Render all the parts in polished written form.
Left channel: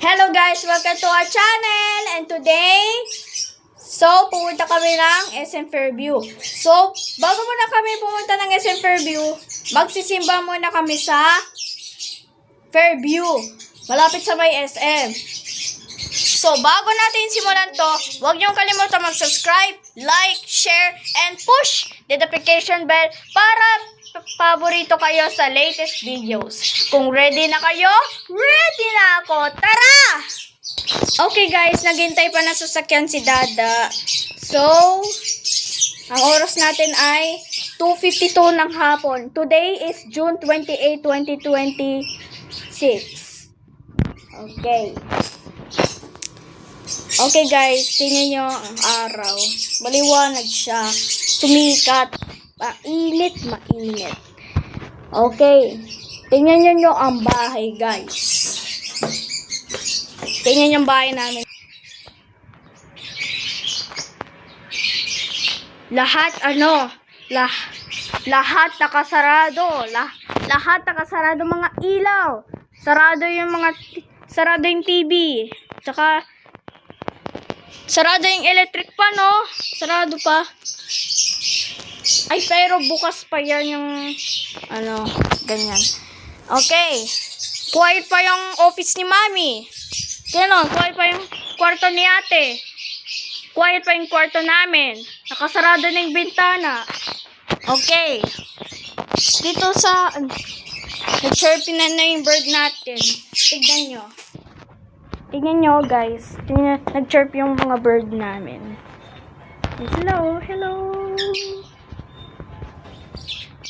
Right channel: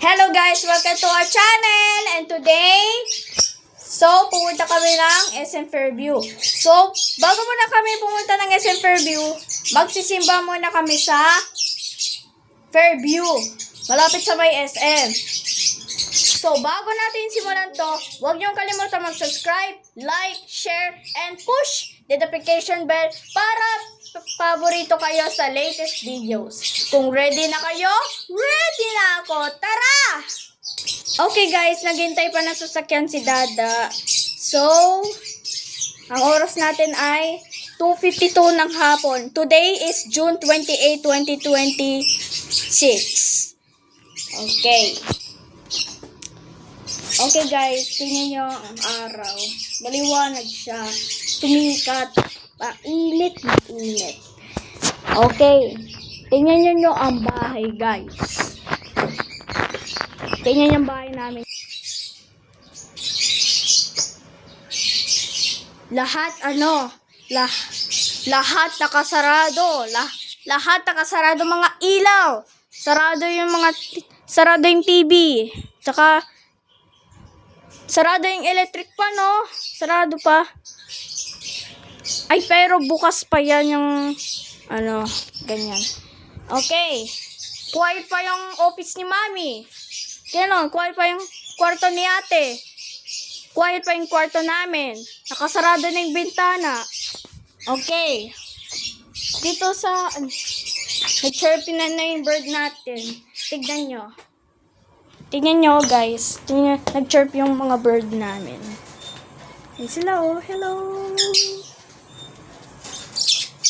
Hello guys! Welcome to our channel! And today, pupunta kami ng SM Fairview. So, bago muna kami pumunta ng SM Fairview, magsisimba muna kami sa Fairview. Malapit sa may SM. So, bago natin simulan to, huwag niyong kalimutan mag-subscribe, like, share, and push the notification bell para paborito kayo sa latest videos. Kung ready na kayo, ready na ako. Tara! Okay guys, naghintay pa na sasakyan si Dada. So, ang oras natin ay 2:52 ng hapon. Today is June 28, 2026. Okay. Okay guys, tingnan nyo ang araw. Maliwanag siya. Sumikat. Mainit na init. Okay. Tingnan nyo ang bahay guys. Tingnan yung bahay namin. Lahat lahat nakasarado. Lahat nakasarado mga ilaw. Sarado yung TV. Tsaka sarado yung electric pa, no? Sarado pa. Ay, pero bukas pa yan yung ganyan. Okay. Quiet pa yung office ni Mami. Ganon, quiet pa yung kwarto ni Ate. Quiet pa yung kwarto namin. Nakasarado na yung bintana. Okay. Dito sa nag-chirping na yung bird natin. Tignan nyo. Tignan nyo, guys. Nag-chirp yung mga bird namin. Yan sila, oh. Hello.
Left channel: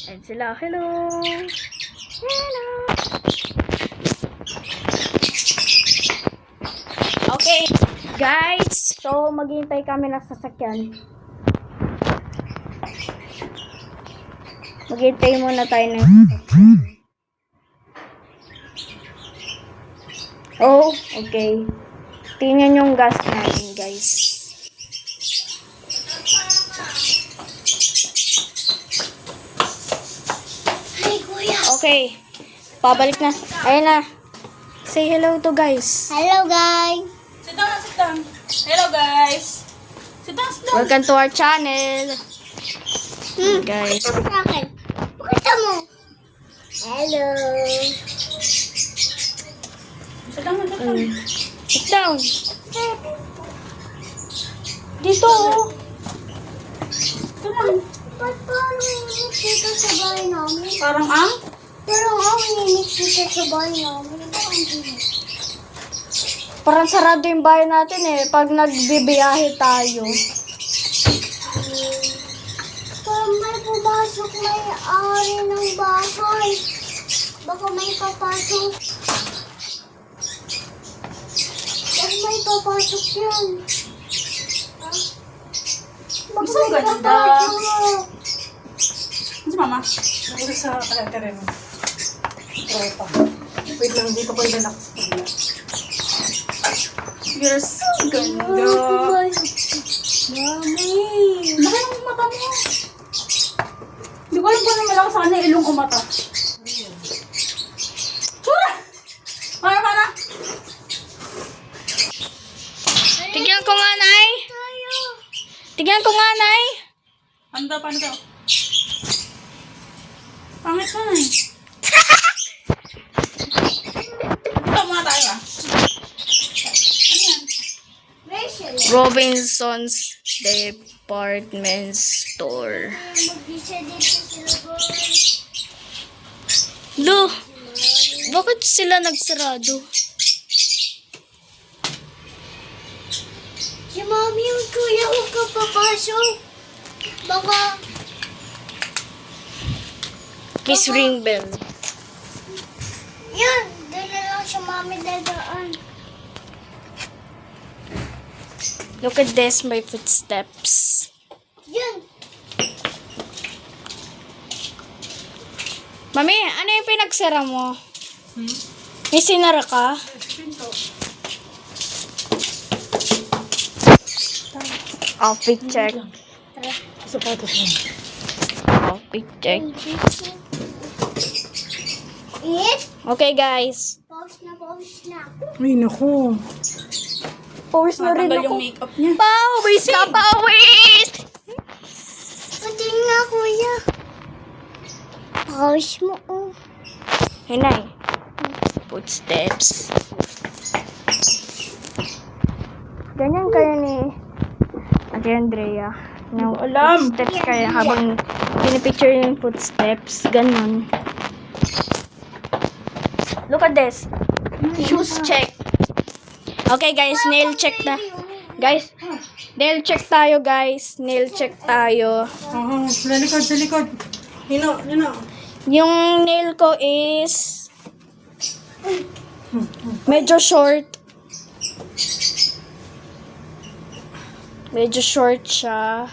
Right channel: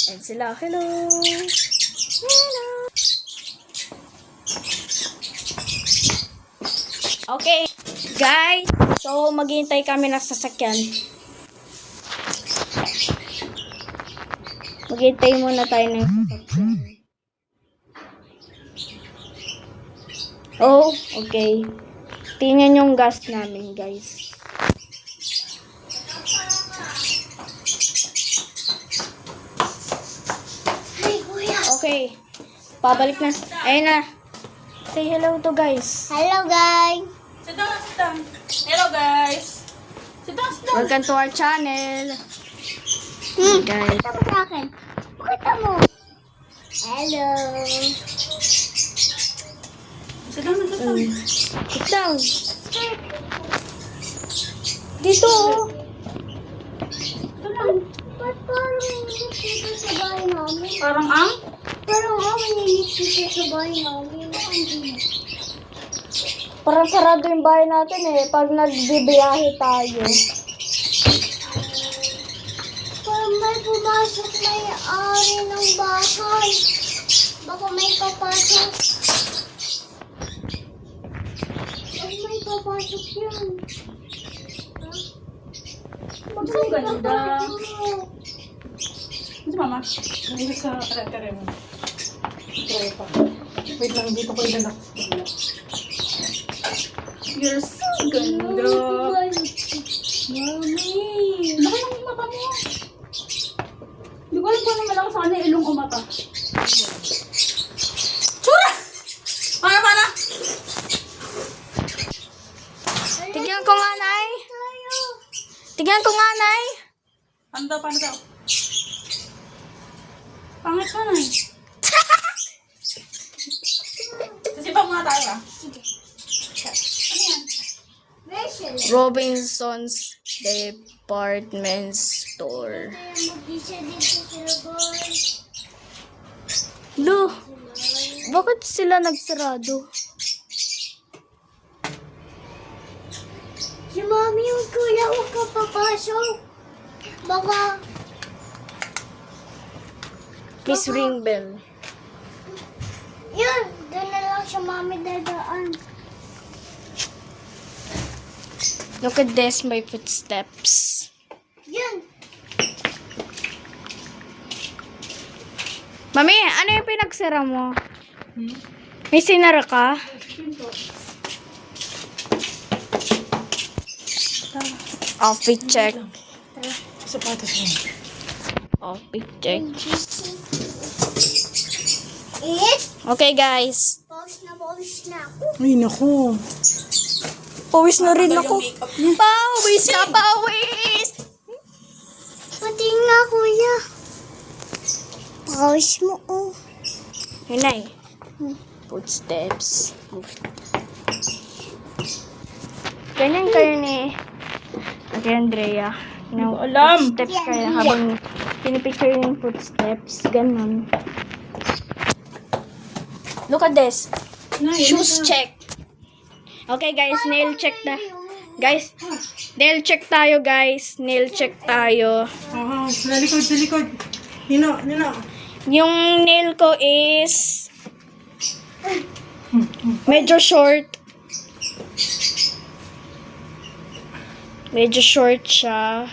Yan sila, hello. Hello. Okay, guys. So, maghihintay kami ng sasakyan. Maghihintay muna tayo ng sasakyan. Oh, okay. Tingnan yung gas namin, guys. Okay. Pabalik na. Ayun na. Say hello to guys. Hello guys. Sit down, sit down. Hello guys. Sit down, sit down. Welcome to our channel. Guys. Sabi sa akin. Pakita mo. Hello. Sit down, sit down. Sit down. Dito. Ito lang. Ba't parang init dito sa bahay namin? Parang ang? Parang init dito sa bahay namin. Parang sarado yung bahay natin eh. Pag nagbibiyahe tayo. Parang may pumasok may ari ng bahay. Baka may papasok. Baka may papasok yan. Baka Gusto may mo ganda? papasok. Si mama. Nandito sa kare mo. Tropa. Wait lang, dito ko yung relax. You're so ganda. Mami. Laki ng mata mo. Hindi ko alam kung naman ako sa kanya ilong o mata. Tsura! Para! Tignan ko nga, Nay. Tayo. Tignan ko nga, Nay. Paano daw? Pangit ka na eh. Kasi pa mga tayo ah. Ano yan? Rachel. Robinson's Department Store. Mag-isa dito sila boy. Lo, bakit sila nagsarado? Si Mami yung kuya, huwag ka papasok. Baka, Please ring bell. yun, doon na lang si Mami dadaan. Look at this, my footsteps. Yun. Mami, ano yung pinagsara mo? May sinara ka? Pinto. Outfit check. Sapatos mo. Outfit check. It, Okay, guys. pause na. Ay, naku. Pawis na rin ako. Pawis ka, pawis! Pati nga, kuya. Pawis mo, oh. Hinay. Footsteps. Ganyan kayo ni Ate Andrea. No, alam. Footsteps kayo habang pinipicture yung footsteps. Ganon. Look at this. Shoes check. Okay guys, nail check na. Guys, nail check tayo guys. Nail check tayo. Oo, sa likod, sa likod. Nino, Nino. Yung nail ko is medyo short. Medyo short siya.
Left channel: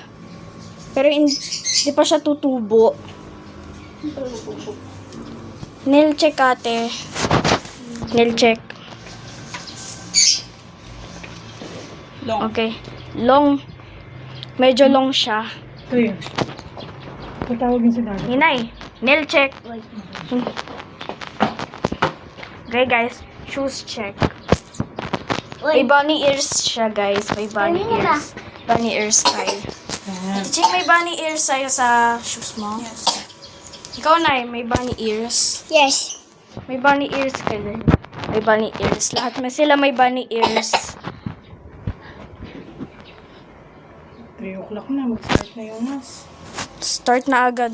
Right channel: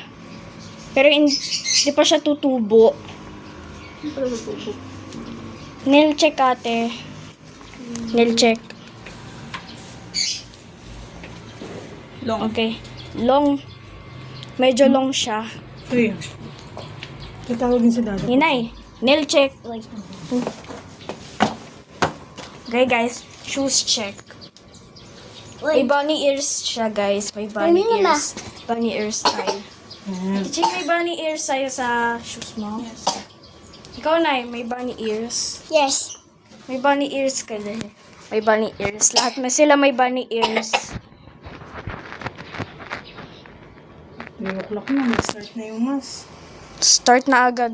Pero hindi pa siya tutubo. Nail check ate. Nail check. Long. Okay. Long. Medyo long siya. Ito yun. Tatawagin si daddy. Hinay. Nail check. Okay guys. Shoes check. May bunny ears siya guys. May bunny ears. Bunny ears tayo. Ayan. Jing, may bunny ears tayo sa shoes mo? Yes. Ikaw na may bunny ears. Yes. May bunny ears ka din. May bunny ears. Lahat na sila may bunny ears. 3 o'clock na. Start na yung mas. Start na agad.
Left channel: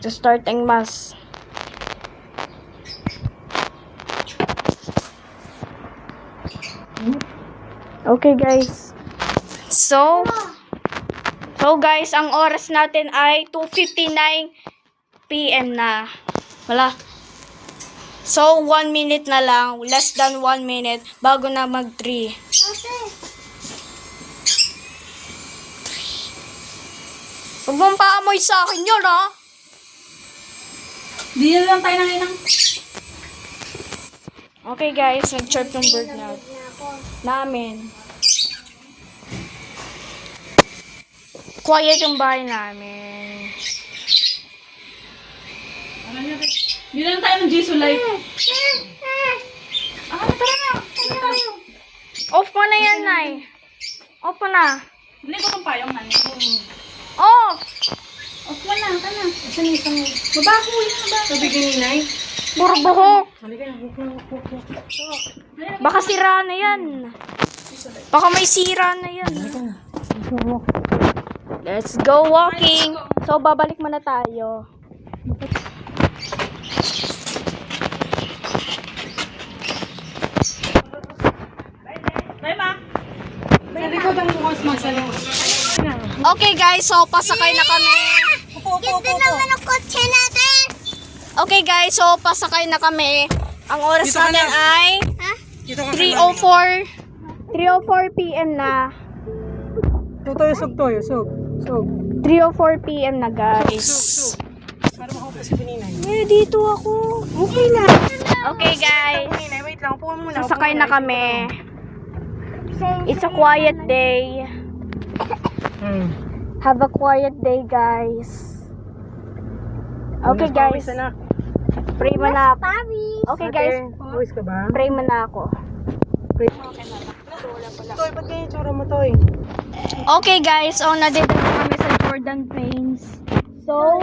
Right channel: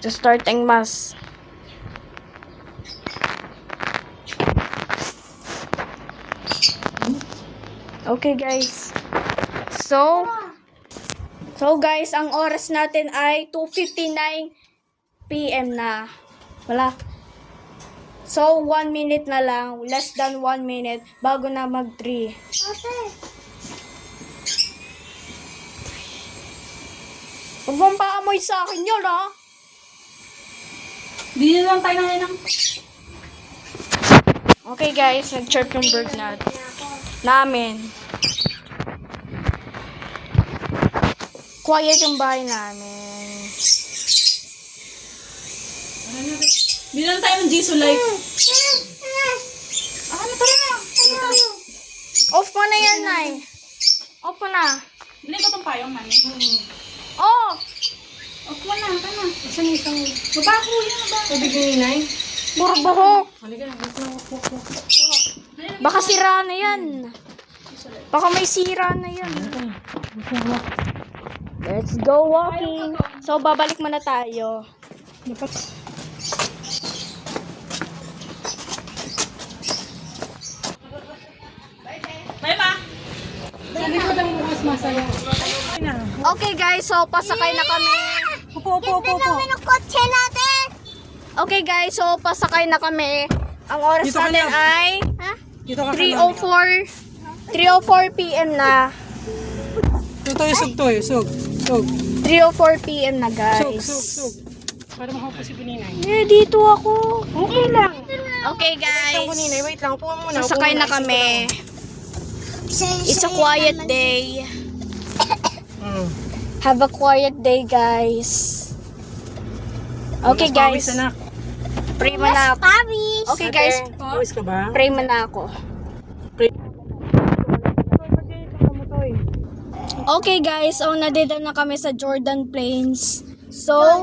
To start ang mass. Okay guys. So guys, ang oras natin ay 2:59 PM na. Wala. So 1 minute na lang, less than 1 minute bago na mag-3. Ate. Huwag mong paamoy sa akin yun, ha? Di na lang tayo ng Okay guys, nag-chirp yung bird namin. Quiet yung bahay namin. Bilang tayo ng Jesus Life. Tara na. Off mo na yan, Nay. Off mo na. Bili ko pang payong na. Off! Off mo na. Tama. Isang. Baba ko. Sabi ko ni Nay. Burbuhok. Halika na. Baka sira na yan. Baka may sira na yan. Let's go walking. So, babalik muna tayo. Bye, ma. Sabi ko lang mas masaya. Okay guys, so pasakay na kami. Upo. Naman ang kotse natin. Okay guys, so pasakay na kami. Ang oras Dito ka natin na. ay Dito ka 3:04 PM na. Yusog. 3:04 PM na guys. Para makuha si Ninay. Dito ako. Okay lang. Okay guys, Ninay, wait lang. Upo muna. sasakay na kami. It's a quiet day. Have a quiet day guys. Okay guys, pray mo na ako. Okay guys, Pawis ka ba? pray mo na ako. Toy, ba't ganyan tsura mo, Toy? Okay guys, so nandito na kami sa Jordan Plains. So,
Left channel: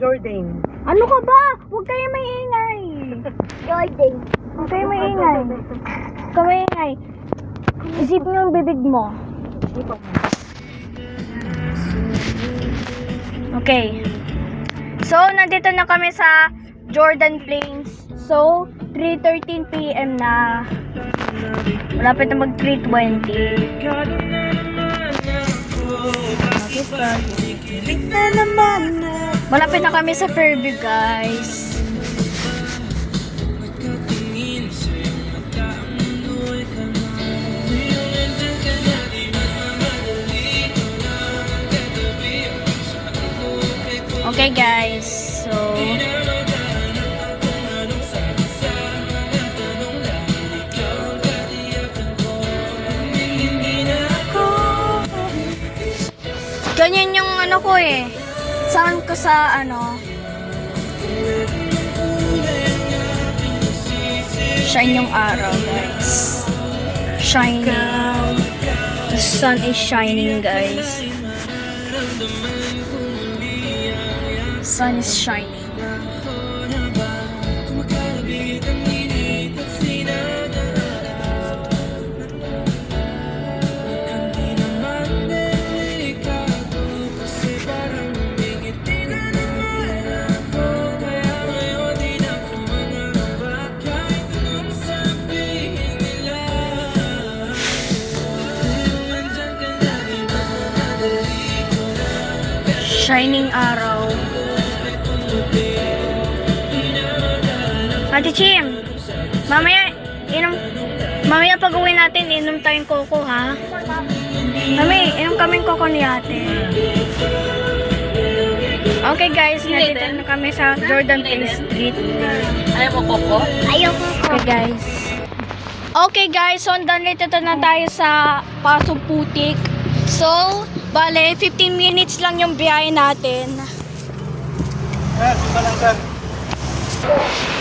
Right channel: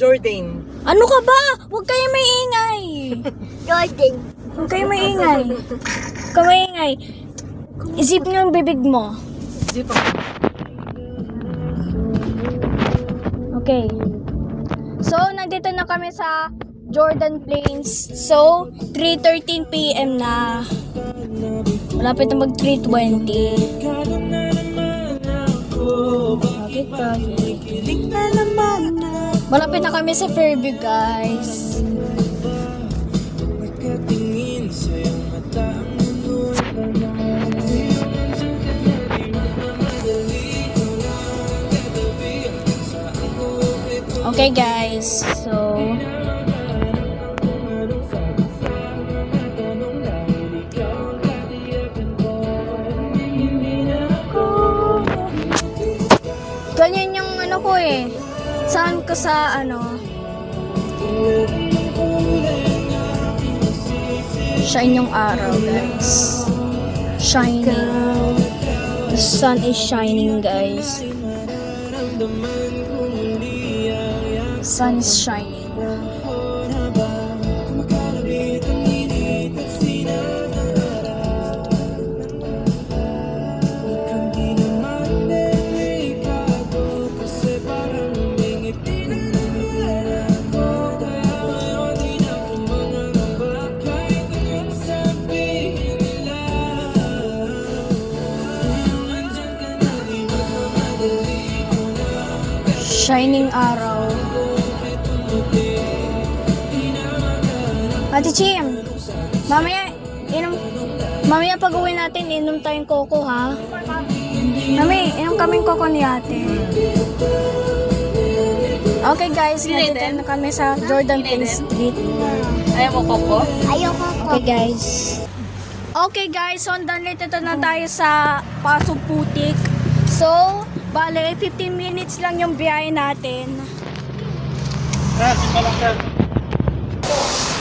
Jordan. ano ka ba? Huwag kayo maingay. Jordan. Huwag kayo maingay. Huwag kayo maingay. Isip nyo ang bibig mo. Okay. So, nandito na kami sa Jordan Plains. So, 3:13 PM na. Malapit na mag 3:20. Malapit na kami sa Fairview, guys. Okay, guys. So, ganyan yung ano ko eh. Sound ko sa ano. Shine yung araw, guys. Shining. The sun is shining, guys. The sun is shining. Shining araw. Ate Chim, mamaya pag uwi natin, inom tayong koko, ha? Mami, inom kaming koko ni ate. Okay guys, nandito na kami sa Jordan Play Street. Ayaw mo koko? Ayoko. Okay guys. Okay guys, so nandito na tayo sa Pasong Putik. So, bale, 15 minutes lang yung biyahe natin.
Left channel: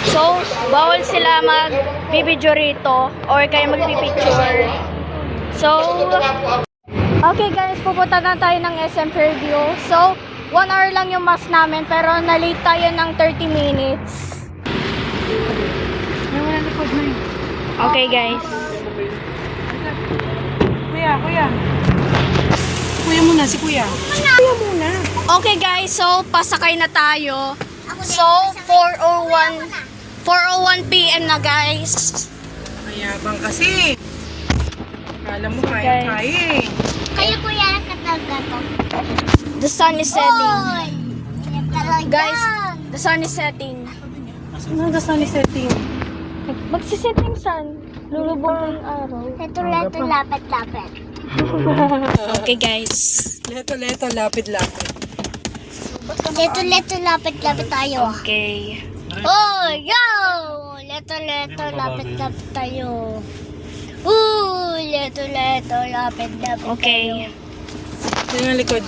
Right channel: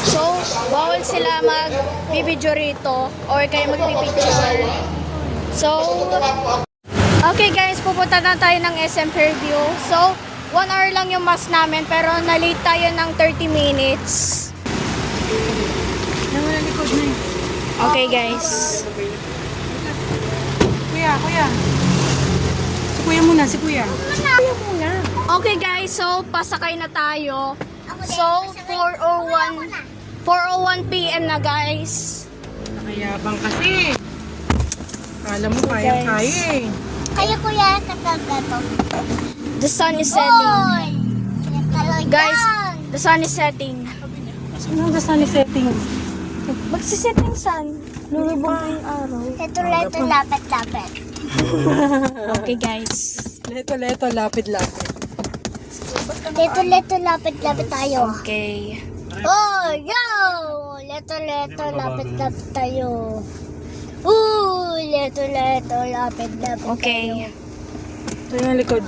So, bawal sila mag-video rito or kaya mag-picture. So, okay guys, pupunta na tayo ng SM Fairview. So, 1 hour lang yung mask namin pero na-late tayo ng 30 minutes. Okay guys. Kuya. Kuya muna, si kuya. Okay guys, so pasakay na tayo. So, 4:01 PM na guys. Mayabang kasi. Kala mo Guys. kaya eh. Kaya kuya, kataga to. The sun is setting. Oy! Talaga. Guys, the sun is setting. Ano na sa setting? Magsisetting sun. Lulubog na yung araw. Ito, lapit. Okay guys. Leto, lapid-lapid. Leto, lapit tayo. Okay. Oh, yo! Leto, lapit tayo. Leto, lapit. Okay. Ito yung likod.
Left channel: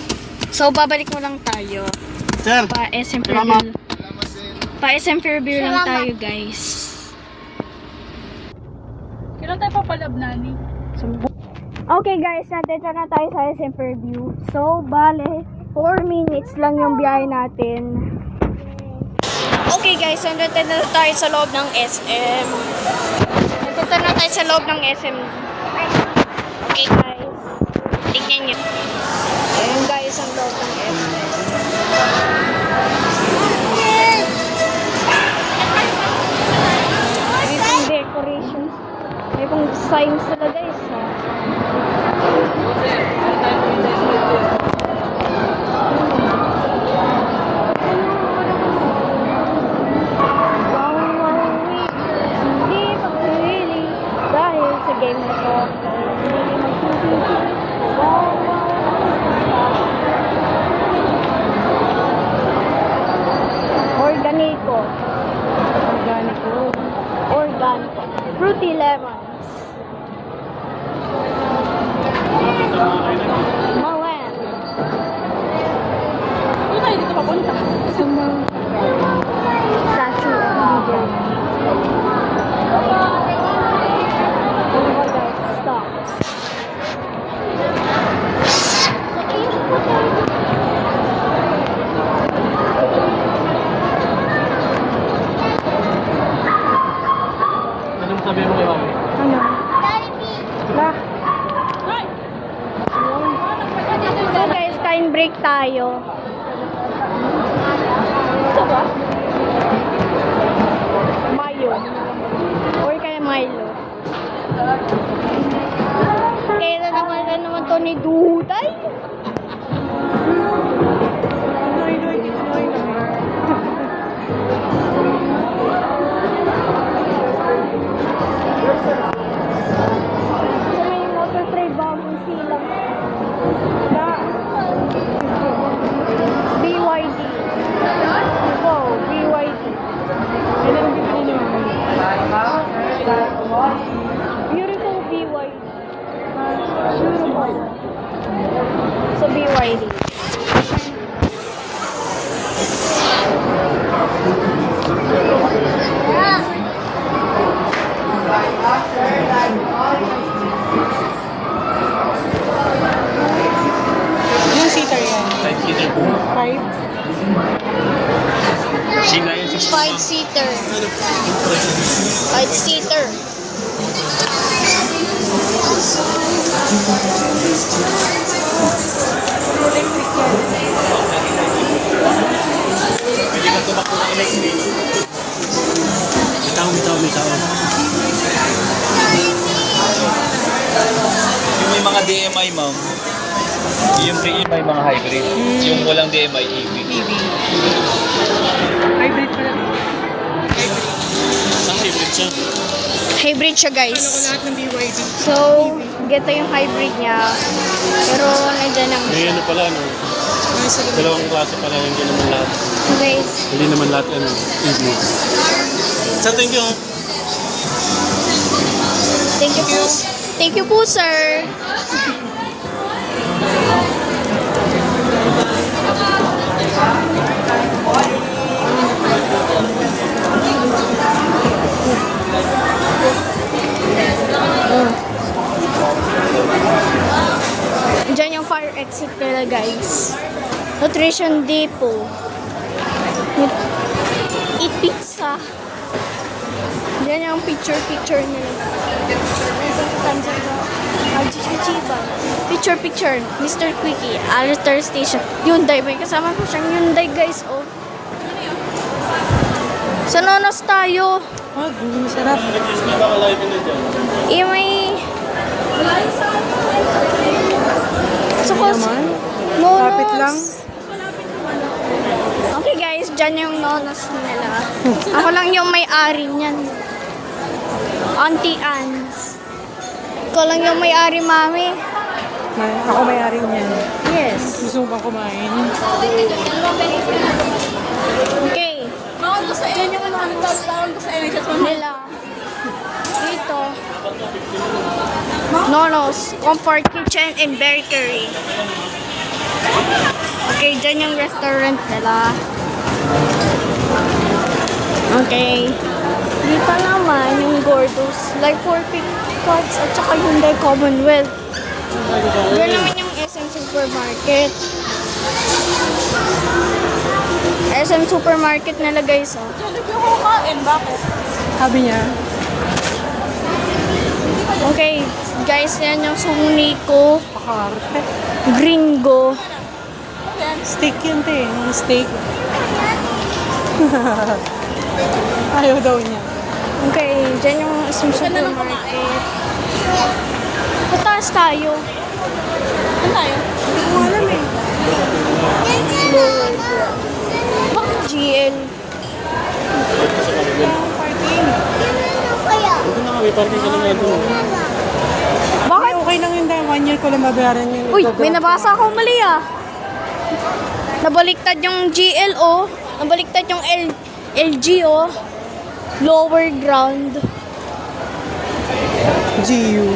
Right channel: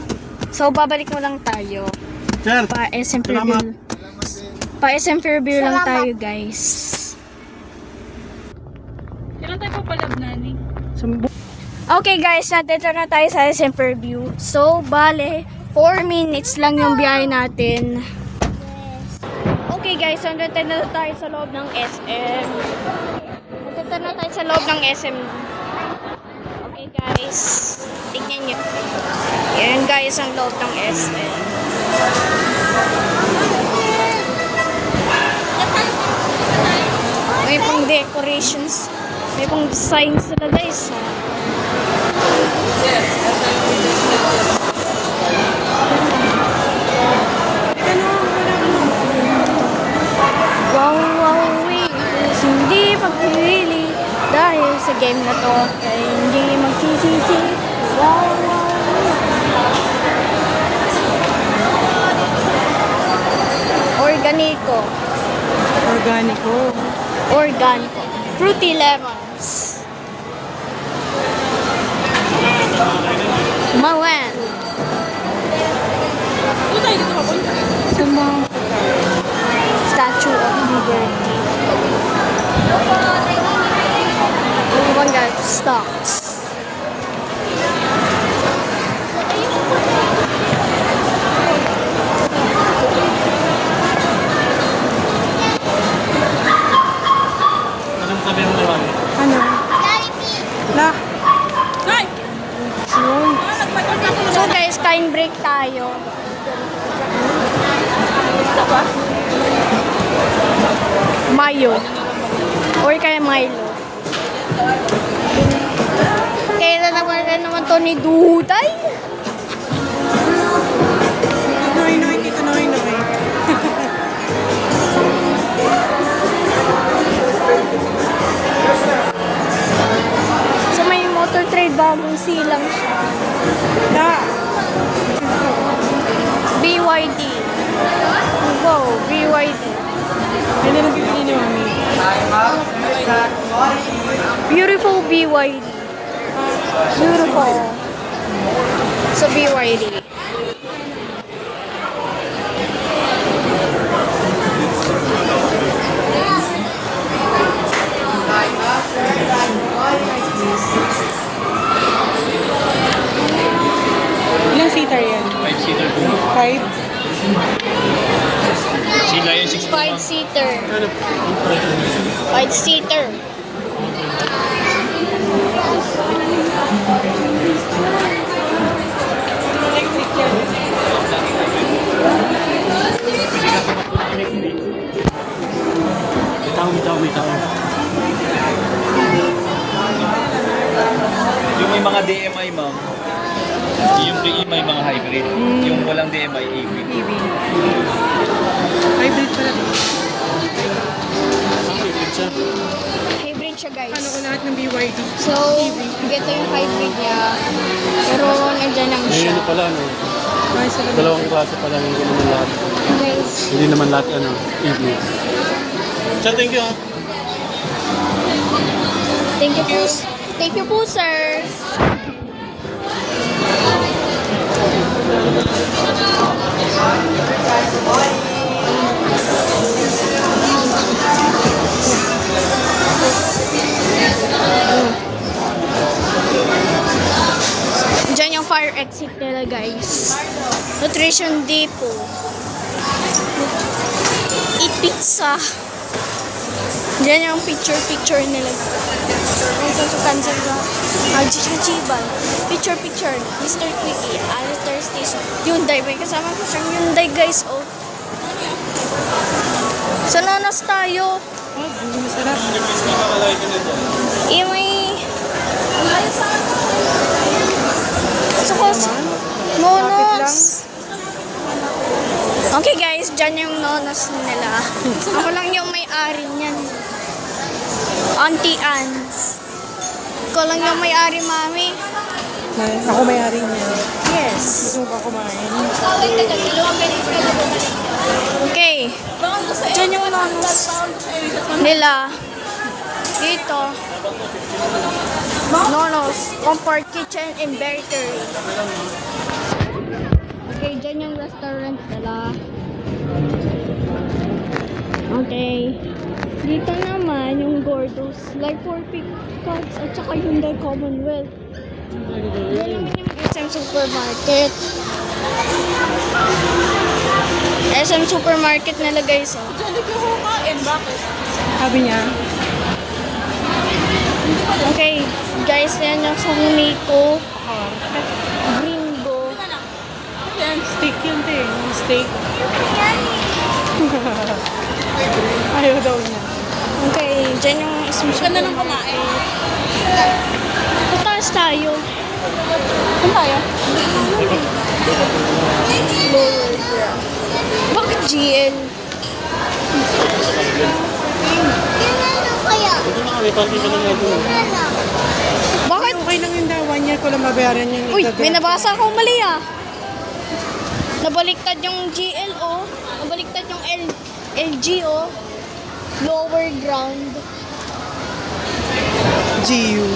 So, babalik mo lang tayo. Pa SM Fairview. Pa SM Fairview lang tayo guys. Kailan tayo papalab, Nani? Okay guys, nandito na tayo sa SM Fairview. So, bale, 4 minutes lang yung biyahe natin. Okay guys, nandito na tayo sa loob ng SM. Nandito na tayo sa loob ng SM. Okay guys, tingnan nyo. Yan guys, ang loob ng SM. May pang decorations. May pang designs sila guys. Oh. Hindi pagpili dahil sa game na to ay hindi magsisisi. Organico. Organico. Fruity lemons. Mawan. Ito tayo dito papunta. Statue of Liberty. Oh my God, stocks. La. Ay! So guys, time break tayo. Ito ba? Mayo. Or kaya Milo. Kailan naman to ni Duday? Noy, dito noy. So may motor trade bagong silang La. BYD. Go, BYD. Pwede na pipili, mami. Beautiful BYD. Beautiful. So BYD. 5-seater. Ano? 5-seater. Electric yan. Hindi lang tumakbo ng electric. May tao. Yung may mga DMI, ma'am. Yung DMI, mga hybrid. Yung walang DMI, EV. Hybrid pala. Saan hybrid siya? Hybrid siya, guys. Lahat ng BYD. So, ganito yung hybrid niya. Pero, nandiyan lang May siya. ano pala, ano? May sa labas. Dalawang klase pala, hindi naman lahat. Guys, Hindi naman lahat, ano, EV. Sir, thank you, ha? thank you po. Thank you po, sir. Diyan yung fire exit nila, guys. Nutrition depot. Eat pizza. Diyan yung picture nila. Ito sa Tanzania. Picture. Mr. Quickie. Alter Station. Hyundai. May kasama ko siyang Hyundai, guys. Oh. Sa Lonas tayo. Oh, sarap. Nag-kiss ba ka-live na dyan? May... Sukos. Nonos. Okay, guys. Dyan yung nonos nila. Ako lang yung may-ari niyan. Auntie Ans. Ikaw lang yung may-ari, mami. Ako may-ari niyan. Yes. Gusto mo ba kumain? Okay. Diyan yung nonos nila. Dito. Nonos. Comfort Kitchen and Bakery. Okay, dyan yung restaurant nila. Okay. Dito naman yung Gordos. Like for pick cards at saka Hyundai Commonwealth. Diyan naman yung SM Supermarket. SM Supermarket nila, guys, oh. Sabi niya, Okay, guys, yan yung Sumiko Gringo. steak yun, te. Yung steak. Ayaw daw niya. Okay, dyan yung SM Supermarket. Pataas tayo. Saan tayo? Lower ground. Bakit GL? Hindi na kami, parking ka lang ano. Bakit? Okay lang yun dahil 1 year ko lang mabayaran yung Uy, may igagamit. nabasa akong mali, ah. Nabaliktad yung GL, oh. Nabaliktad yung LG, oh. Lower ground. GU.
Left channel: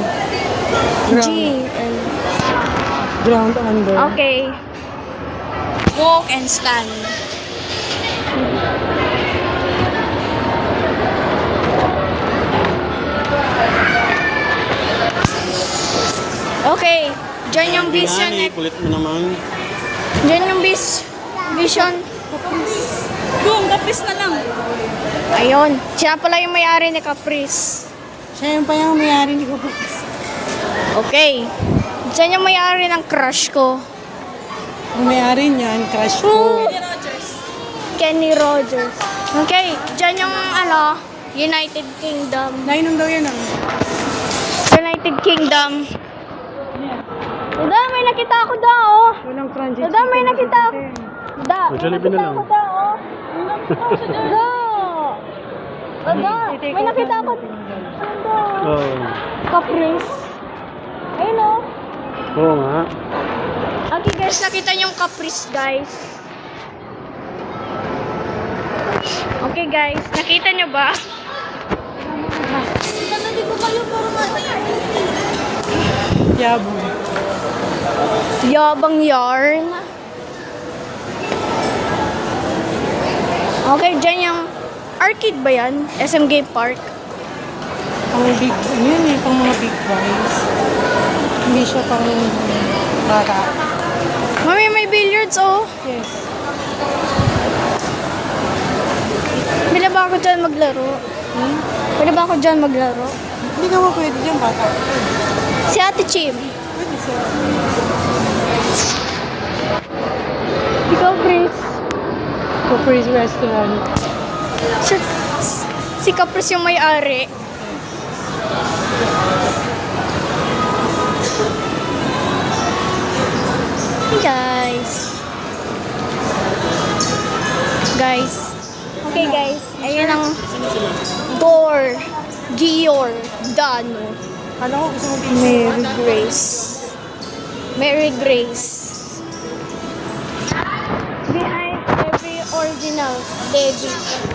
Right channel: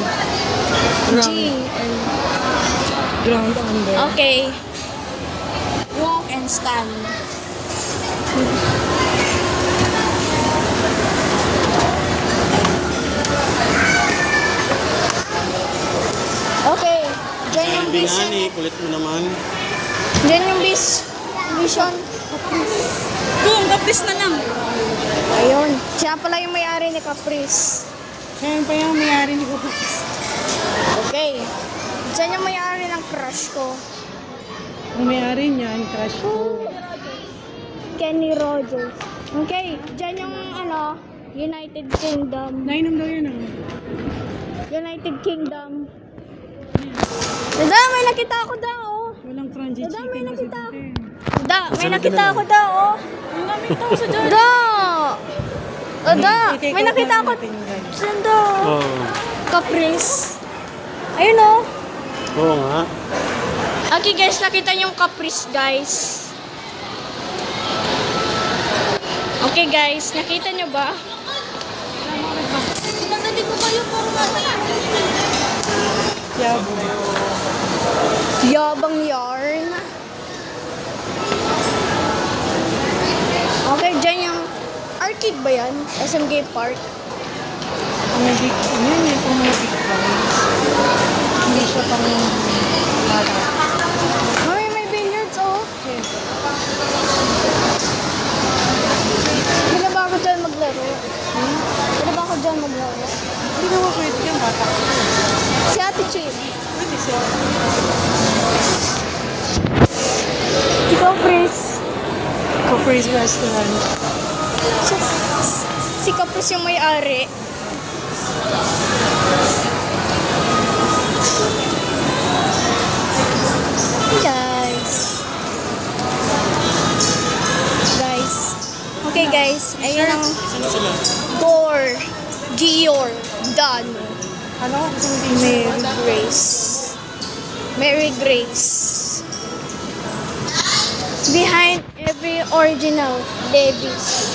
Ground, GL. ground under. Okay. Walk and stand. Okay. Diyan yung vision. Binani, kulit mo naman. Diyan yung vision. Doon, gapis na lang. Ayun. Siya pala yung may-ari ni Caprice. Siya yung pa yung may-ari ni Kuko. Okay. Diyan yung may-ari ng crush ko. Ang may-ari niyan, crush ko. Kenny Rogers. Okay. Diyan yung United Kingdom. Nainom daw yun ah. United Kingdom. Dada, may nakita ako oh. Walang franchise. Dada, may nakita ako. Dada, may Jollibee nakita na ako lang. oh. Dada. Dada, may nakita ako. Saan daw? Oo. Caprice. Ayun oh. Oo nga. Okay guys, nakita niyo yung Caprice, guys. Okay guys, nakita niyo ba? Yabo. Yabang yarn. Okay, dyan yung arcade ba yan? SM Game Park. Mga big, yun eh, kung mga big boys. Hindi siya parang bata. Mami, may billiards oh. Yes. May maglaro? Pwede ba ako dyan maglaro? Hindi ka mo pwede dyan, bata. Si Ate Chim. Pwede siya. Ikaw, Pris. Kapres restaurant. Si Kapris yung may-ari. Hey guys. Guys. Okay guys, ayun ang Gior Dano. Alam ko gusto mo din. Mary Grace. Mary Grace. Behind every original Levi's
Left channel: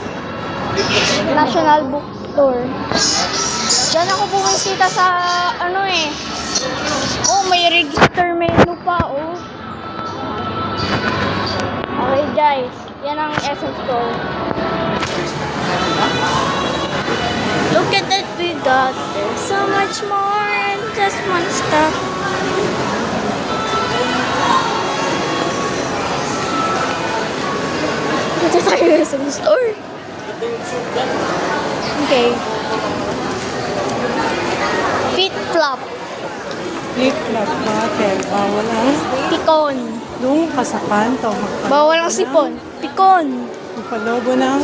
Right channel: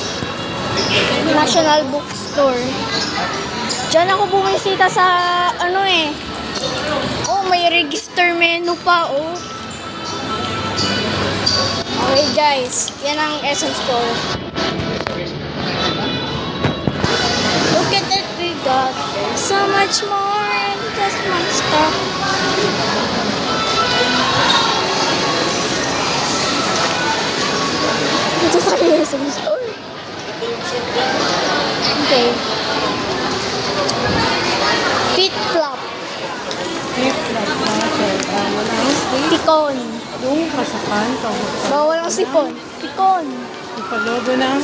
National Bookstore. Diyan ako bumisita sa ano eh. Oh, may register menu pa oh. Okay guys, yan ang essence store. Look at that we got. There's so much more and just one stuff. Ito tayo sa store. Okay. Feet flop. Flip flop natin. Bawal ang Pikon. yung kasapan. Bawal ang sipon. Pikon. Magpalobo ng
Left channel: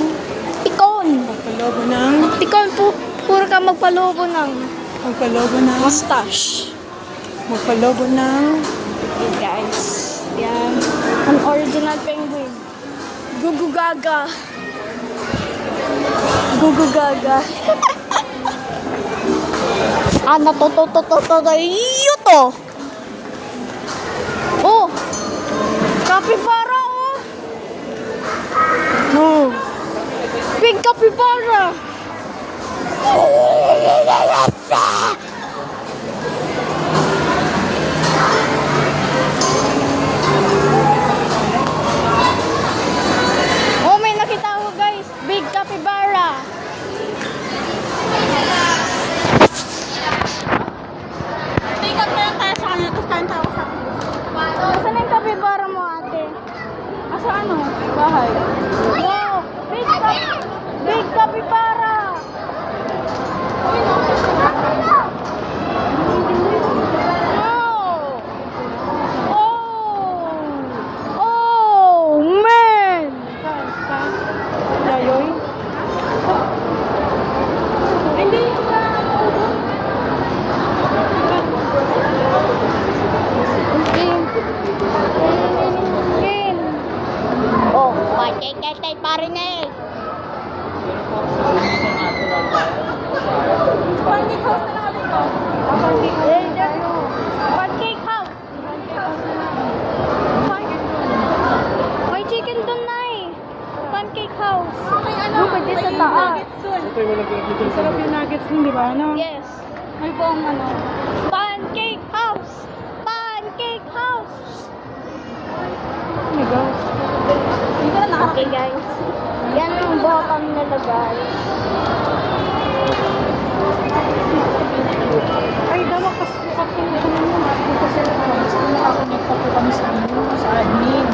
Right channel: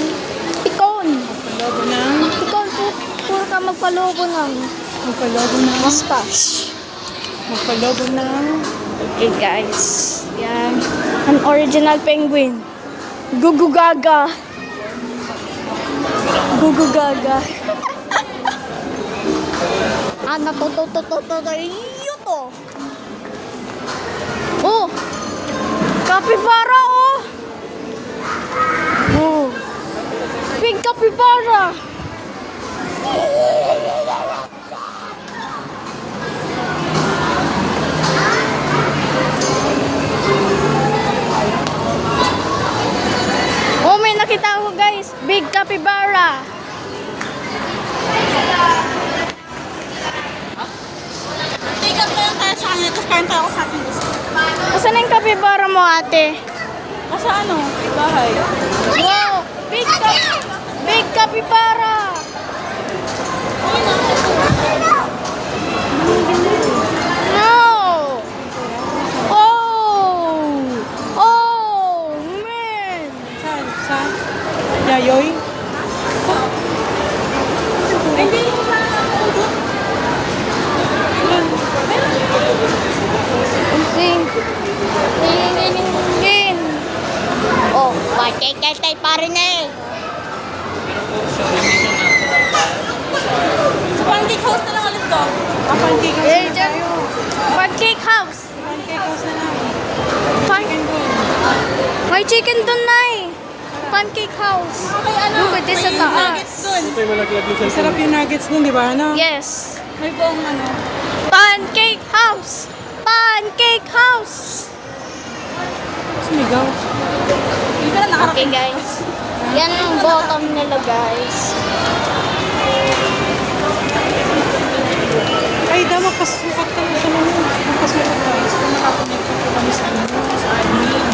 Pikon. magpalobo ng Pikon po. Puro ka magpalobo ng magpalobo ng mustache. magpalobo ng Okay guys. Yan. An original penguin. Gugu Gaga. Gugu Gaga. Ana to. Yuto. Oh. Capybara oh. Oh. Big capybara. Oh, may nakita ko guys. Big capybara. Take up na lang tayo sa kanya, tapos kain tayo sa akin. Asan na yung capybara mo ate? Asa ano? Bahay. Wow! Big capybara! Wow! Oh, man! Sa Nayoy? Okay. Nalingin. Oh, patay pa rin eh. Pancake house na lang ulit to. Eh, dyan. Pancake house. May chicken dun na eh. Pancake house. Look at this sa taas. Ito yung malaglag dito sa Sarap yung nuggets nun, di ba? Ano? Yes. May buong ano. Pancake house. Pancake house. Sumigaw. Hindi ka na nakarap. Okay guys. Yan ang bottom nila guys. Ay, dapat pasukat tayo sa mga. Pasukat tayo. So, nakakonect pa po kami sa ano, sa admin.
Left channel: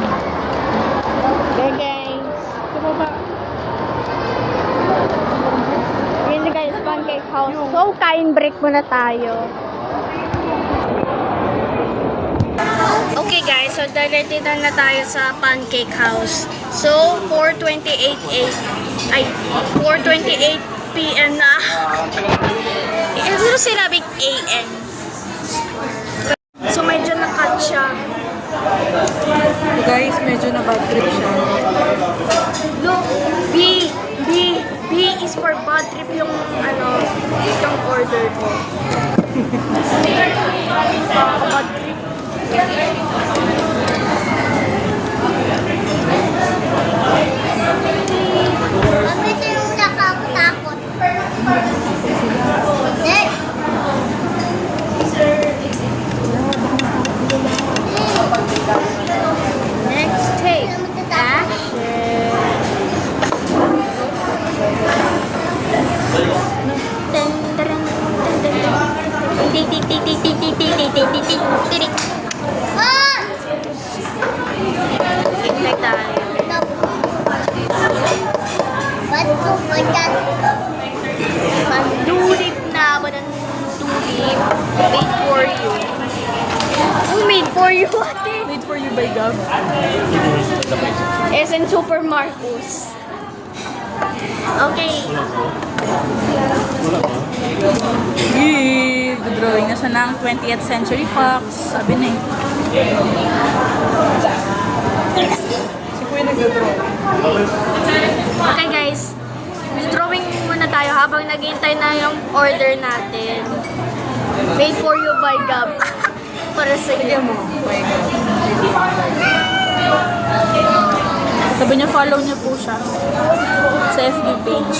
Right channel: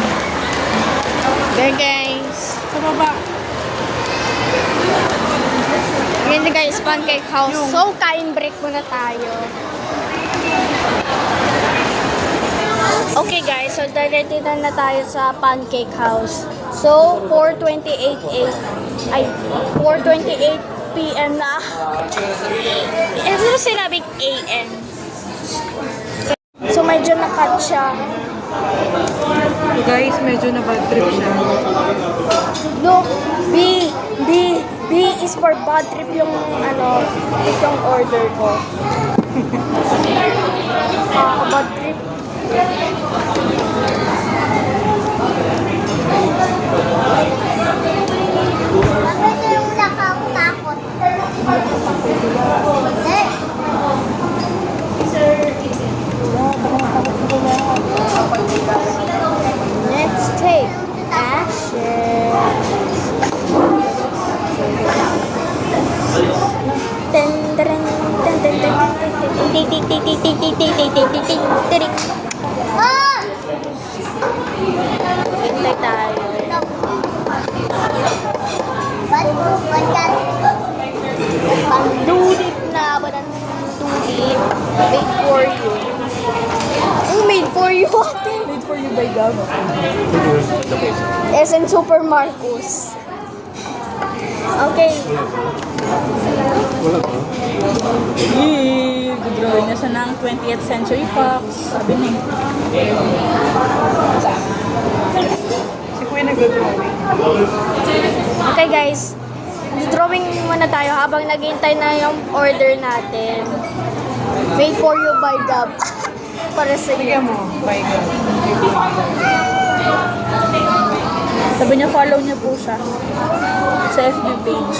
Okay guys. Sa baba. Yan na guys, pancake house. So, kain break muna tayo. Okay guys, so dito na tayo sa pancake house. So, 4:28 p.m. na. Pero sinabing AM. So, medyo na-cut siya. Guys, medyo na bad trip siya. Look, B is for bad trip yung ano, yung order ko. Bad trip. Bakit yung nakakatakot? Eh, Let's take action. Dun, dun, dun, dun, dun, dun. ah! Hintay tayo. Ba't Pandulip na ba ng tulip? Made for you. Oh, made for you, ate. Made for you by Gab. SN Super Marcos. Okay. Yee! Drawing na siya ng 20th Century Fox. Sabi na eh. Si Kuya nag-drawing. Okay guys, drawing muna tayo habang naghihintay na yung order natin. Made for you by Gab. Para sa iyo. Ano? By Gab. Sabi niya, follow niyo po siya sa FB page.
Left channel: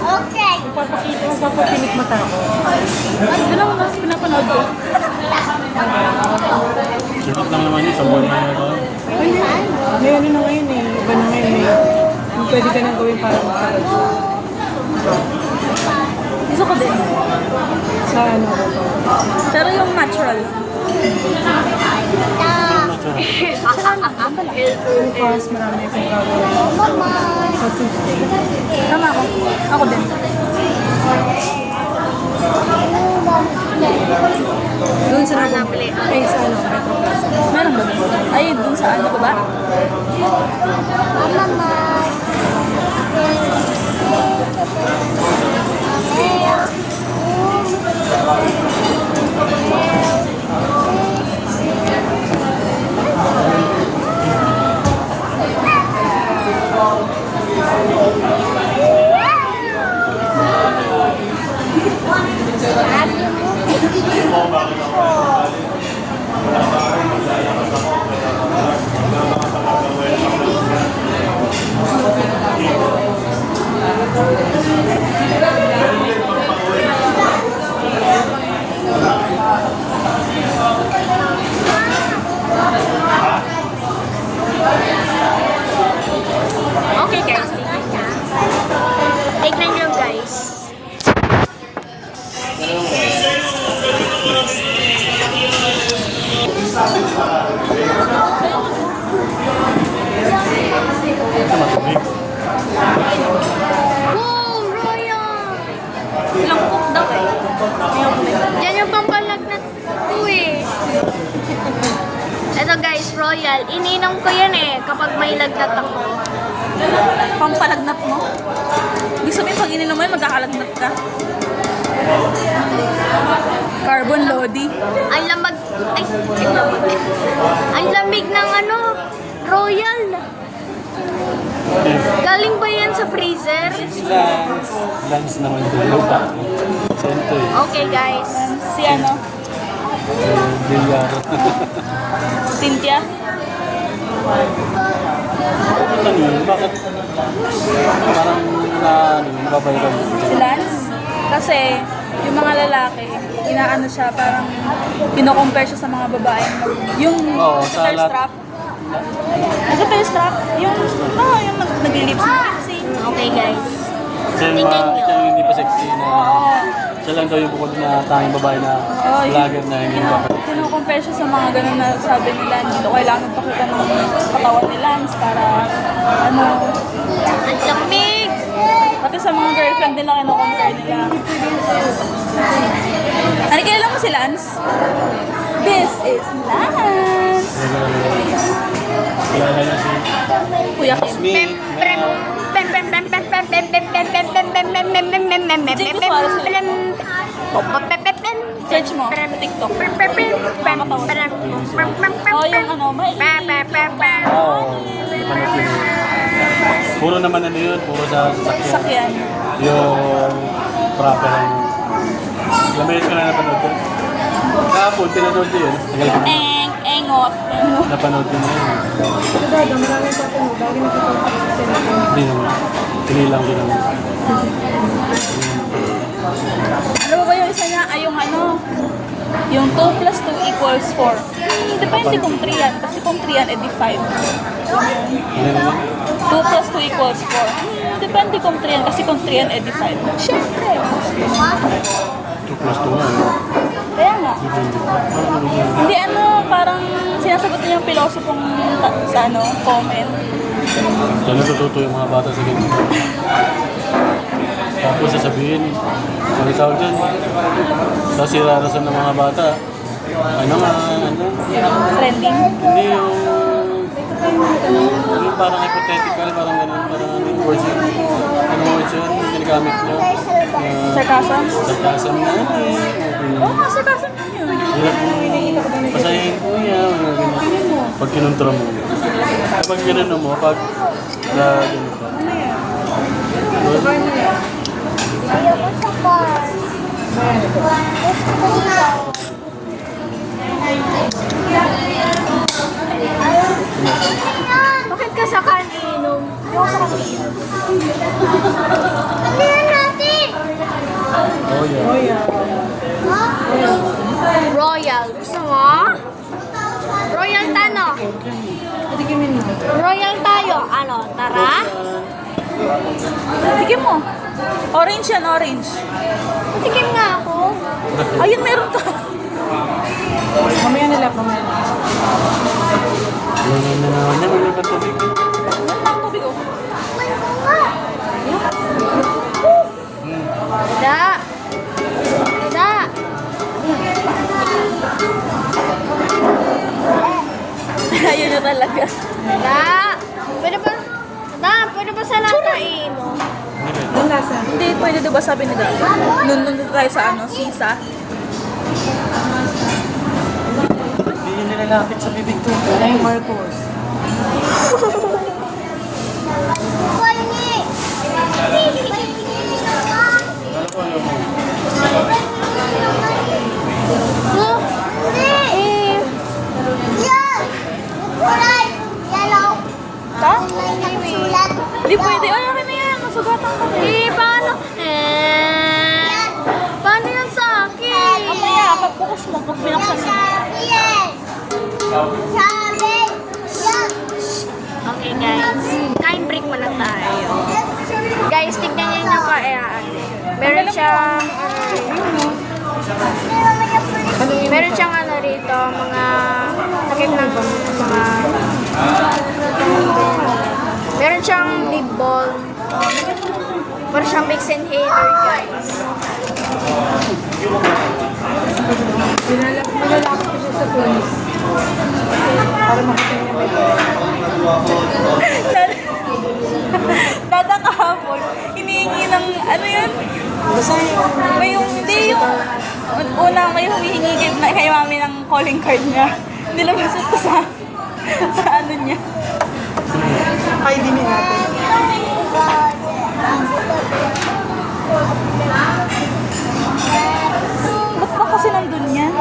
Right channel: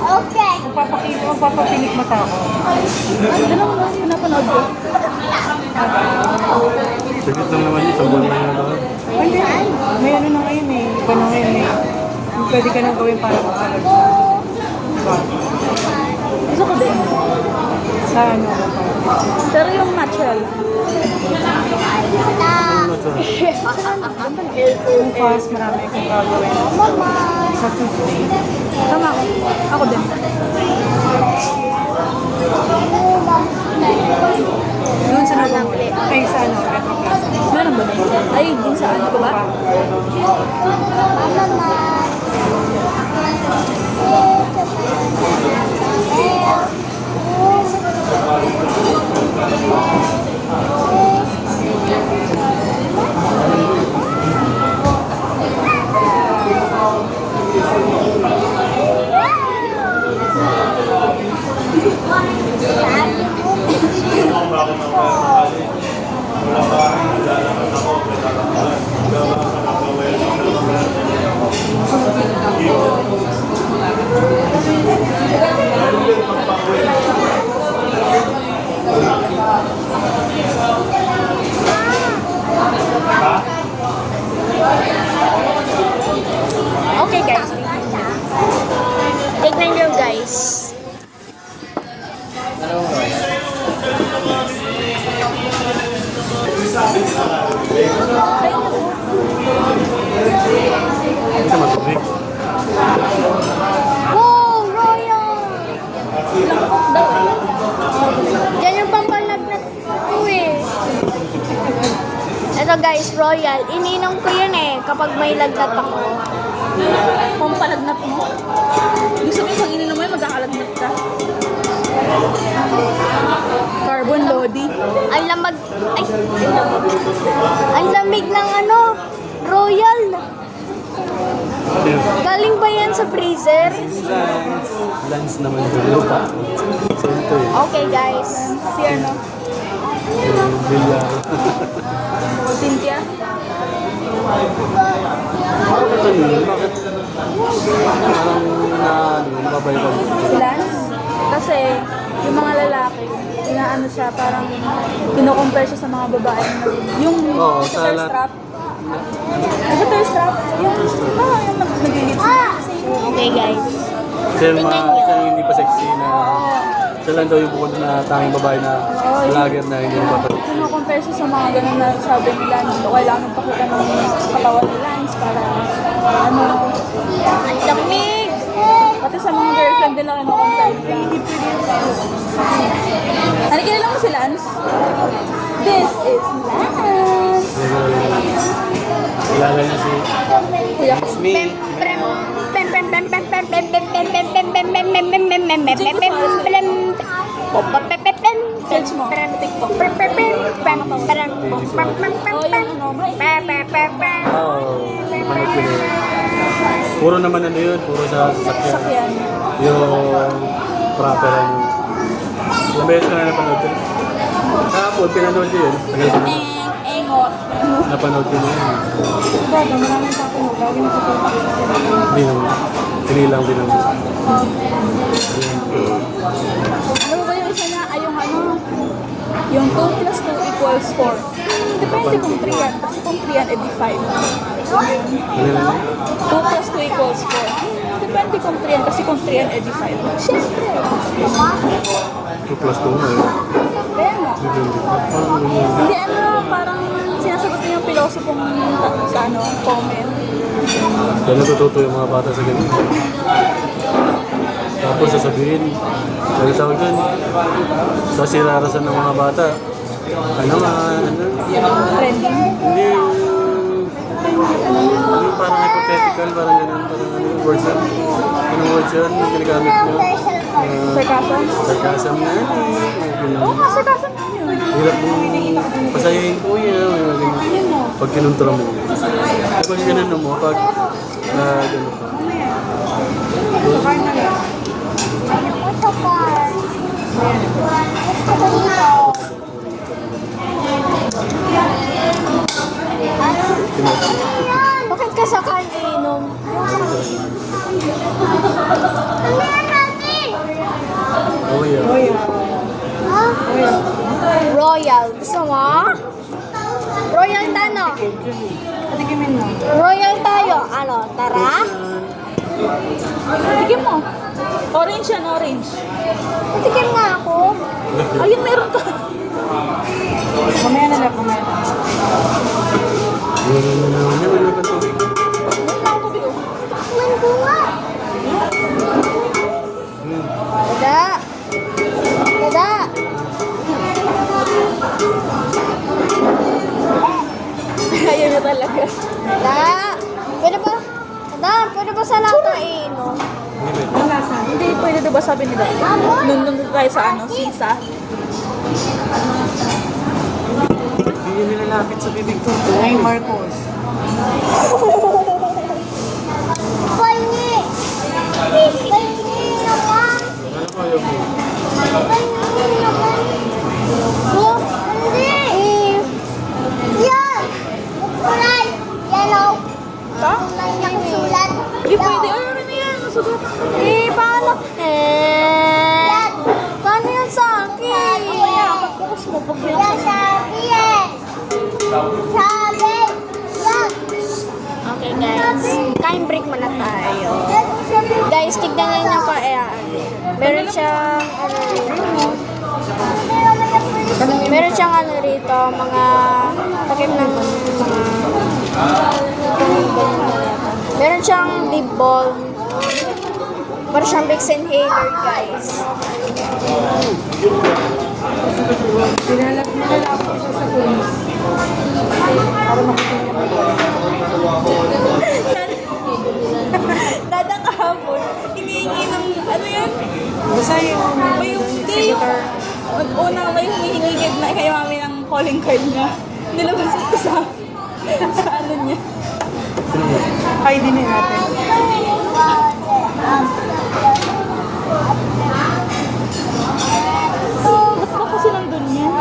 Okay. Magpapapinik mata ko. Ito lang na, pinapanood ko. Sakit lang naman yun. Sa buwan na yun. Ayun. May ano na ngayon eh. Iba na ngayon eh. Kung pwede ka nang gawin para makalab. Gusto ko din. Sa ano? Pero yung natural. Yung first, marami akong gagawin. Sa Tuesday. Tama ako. Ako din. Doon sa Napili. ay, sa ano? Meron doon. Ayun, doon sa ano ba? Okay guys, tignan nyo guys. Wow, Royal! Langkot daw eh. Yan yung pampalagnat ko eh. Ito guys, Royal. Ininom ko yan eh kapag may lagnat ako. Pampalagnat mo. Hindi sabihin pag ininom mo, magkakalagnat ka. Carbon Lodi. Ang lamag... Ay, ang lamag. Ang lamig ng ano, Royal. Galing ba yan sa freezer? Lens ng lupa. Sento eh. Okay guys. Si ano? Brilliant. Cynthia. Si Lance. Kasi yung mga lalaki, inaano siya, parang kino-compare siya sa mga babae. Yung Oo, sa tail lahat. strap. Tail strap. Yung nag-lips. Okay guys. Kasi yung Tingnan nyo. yung hindi pa sexy na siya lang daw yung bukod na tanging babae na vlogger na hindi mo. Kino-compare siya sa mga ganun na sabi nila na kailangan pakita ng katawan ni Lance para ano. Ang lamig. Pati sa mga girlfriend din na kino-compare nila. Ano, kilala mo si Lance? This is Lance! Kilala niya si Kuya Kim. Pem, prem, pem, pem, pem, pem, pem, pem, pem, pem, pem, pem, pem, pem, pem, pem, pem, pem, pem, pem, pem. Opa, pem, pem, pem. Search mo. Prem, TikTok. prem, prem, prem, pem, prem, prem, prem, prem, Oh, prem. yung ano, may... Pem, pem, pem, pem. puro naman ano yun, puro sa sasakyan. Sakyan. Yung proper. Yung beses ko nga napanood ko. Kahapon, pinanood ko yun. Engot. Napanood ko na yun. Diba, marami sa akin mo. Galing ako po. Hindi naman. Pinilang din naman. Ano ba yung isa niya? Ay, yung ano? Yung 2 plus 2 equals 4. Depende kung 3 yan. Kasi kung 3 yan, edi 5. Ano naman? 2 plus 2 equals 4. Depende kung 3 yan. Kasi kung 3 yan, edi 5. Siyempre. 2 plus 2 mo eh. Kaya nga. Hindi ano, parang sinasagot niya yung philosophy sa ano, comment. Kaya natututo yung mga bata sa ganyan. Tapos sasabihin, ano tawag yan? Sasirarasan ng mga bata. Ano? Trending. Hindi yung parang hypothetical, parang ganun, parang anong words yun? Anong words yun? Yung ginagamit mo? Sarkasan? Sarkasam na yan eh. Oo nga, sarkasan na yun. Hirap mo. Pasayahin po yan. Mga ganun. Pag kinuntra mo. Pag ginano mo, pag ganun pa. Ayoko sa bus. Gusto ko na. Bakit ka sa kaninom? Ano na natin? Royal. Gusto mo? Royal tano. Tikimin mo. Royal tayo. Ano? Tara? Tikim mo. Orange yan, orange. Tikim nga ako. Ayun, meron to. Mamaya nila po. Nalulog ang tubig. Tubig oh. Dada. Dada. Ayun na talaga. Dada. Pwede ba? Dada, pwede ba sana kainom? Ang lasa. Hindi pwede, di ba sabi ni Dada? Nung tayo sa ano, sisa. Hindi yun nilalapit sa bibig ko. Ay, Marcos. Pahingi. Oh, eh, Yan. Kulay. Yellow. Kulay ng sulat. Hindi pwede. Ay, ano na yan? Nasugatan ka. paano? Paano yan sa akin? Kaya, pag-focus mo, pag binaksan mo. Sabi yan. Sabi. Yan. Okay guys, kain break muna tayo. Guys, tignan nyo yung kaya ate. Meron siyang ano rito. Meron siyang ano rito, mga takip ng mga meron siyang lip balm. Meron siyang Vicks inhaler guys. Dada kahapon, hinihingi ng, ano yun? May yung, hindi yung, una may humihingi na kay mami ng calling card niya. Nilabasot ko sa ano niya. Ay, di niya natin. Ba't ba kasi nandun yan?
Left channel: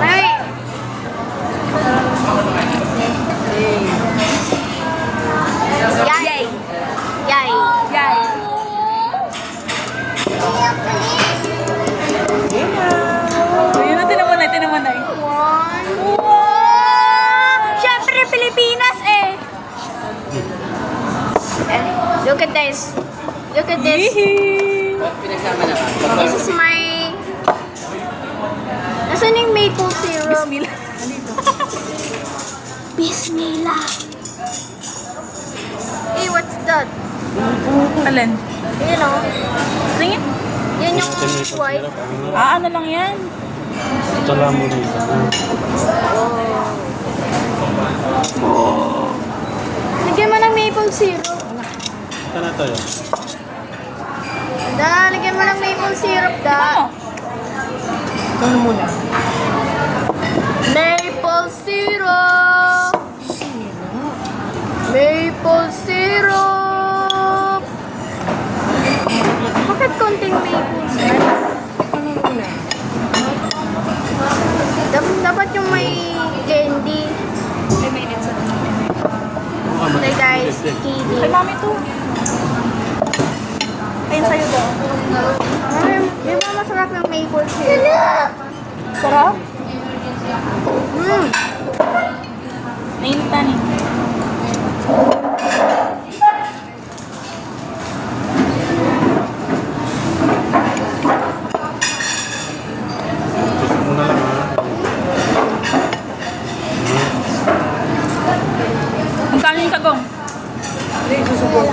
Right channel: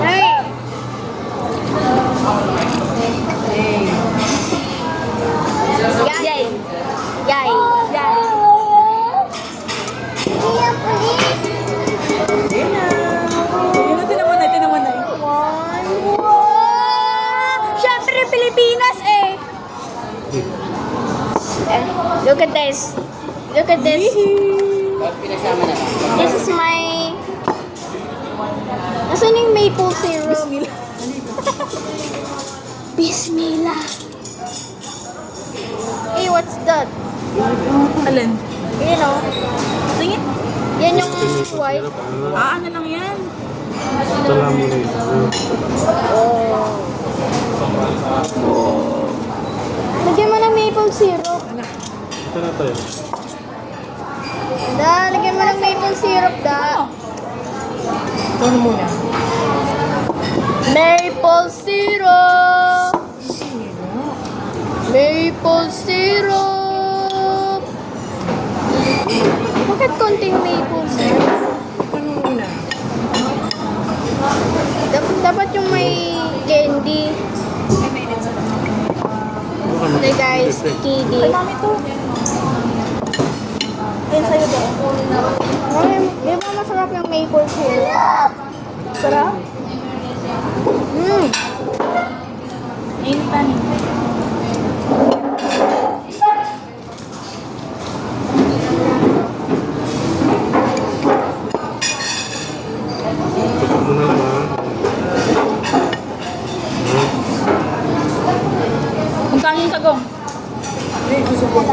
Hey! Yay! Yay! Yan. Ayun na, tinan mo na. One. Wow! Siyempre, Pilipinas eh! Look at this. Look at this. This is my... Nasaan yung maple syrup? Bismillah. Bismillah. Hey, what's that? Alin? You know, Tingin. yan yung white. Ano lang yan? Tala mo rin. Lagyan mo ng maple syrup. Ito na tayo. Da, lagyan mo ng maple syrup, da. Ano muna? Maple syrup. Maple syrup. Bakit konting maple syrup? Dapat yung may candy. Okay guys, kiddie. Mami to. Ayun sa'yo daw. Ay, di ba masarap yung maple syrup? Sarap? Nainitan eh. Gusto ko na lang. Ano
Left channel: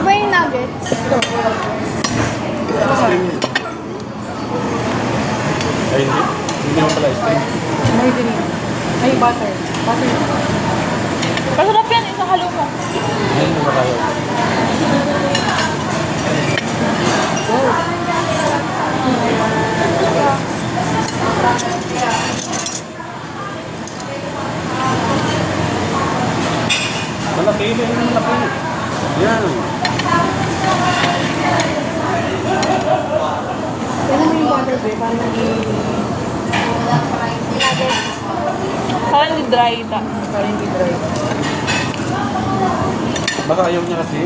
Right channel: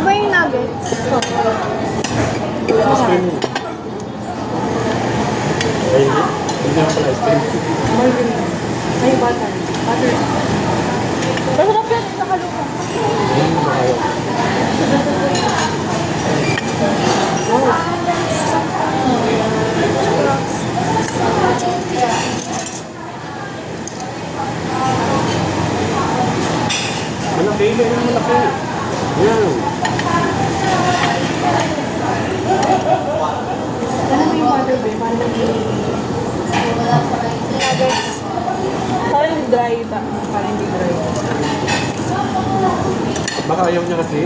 ba yung nuggets? Ay, hindi na pala ice cream. Masarap yan, ito halukan. Yan, makakayo. Malaki na yung malaki. Yan. Parang hindi dry ito. Baka ayaw niya kasi.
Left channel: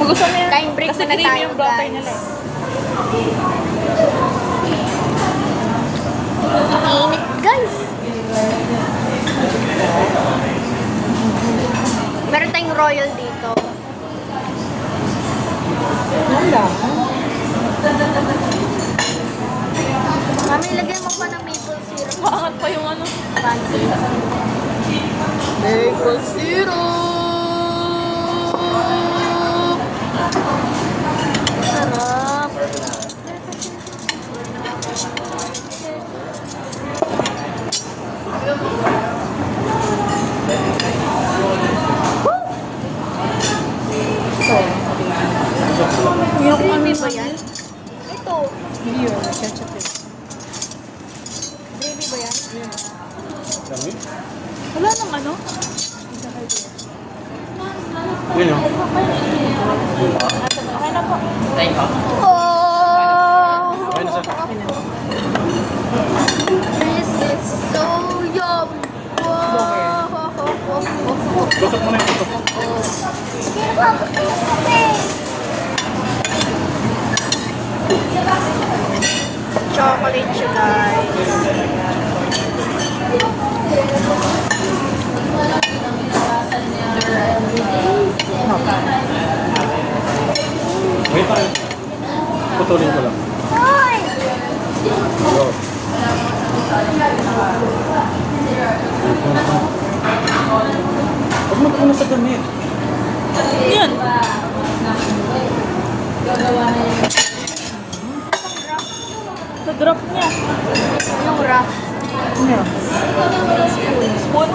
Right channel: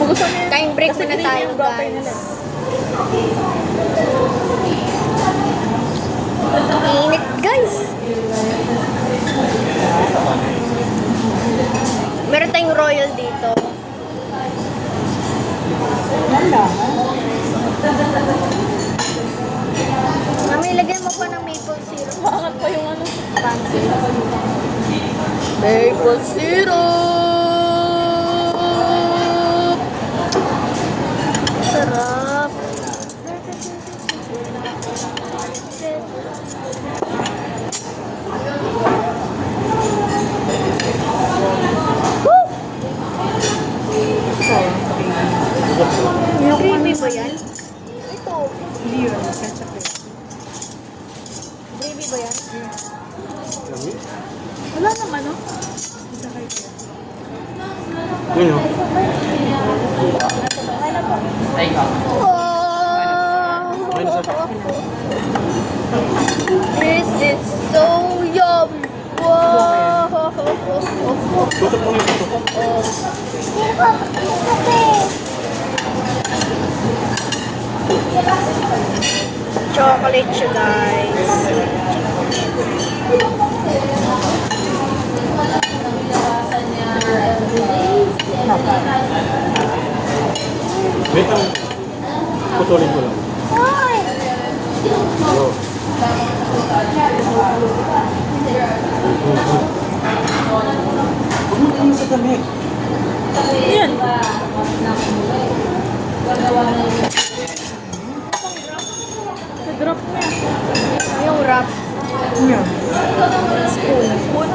Magusto mo yan. Time break Kasi muna creamy tayo, yung butter guys. nila. Init, guys. Meron tayong royal dito. Mami, lagyan mo pa ng maple syrup. Maangat pa yung ano. Fancy. Maple syrup! Sarap. Yung creamy ba yan? Ito. Gravy ba yan? Dami. Wala nang ano. Ngayon. Oh! This is so yummy! Wow! Tutok mo na yung tutok. Chocolate siya, guys. Wait lang. Putulin mo lang. Hello. Huwag mo ka sa damit. Yan. Sa-drop niya. Yung wrap. Spoon.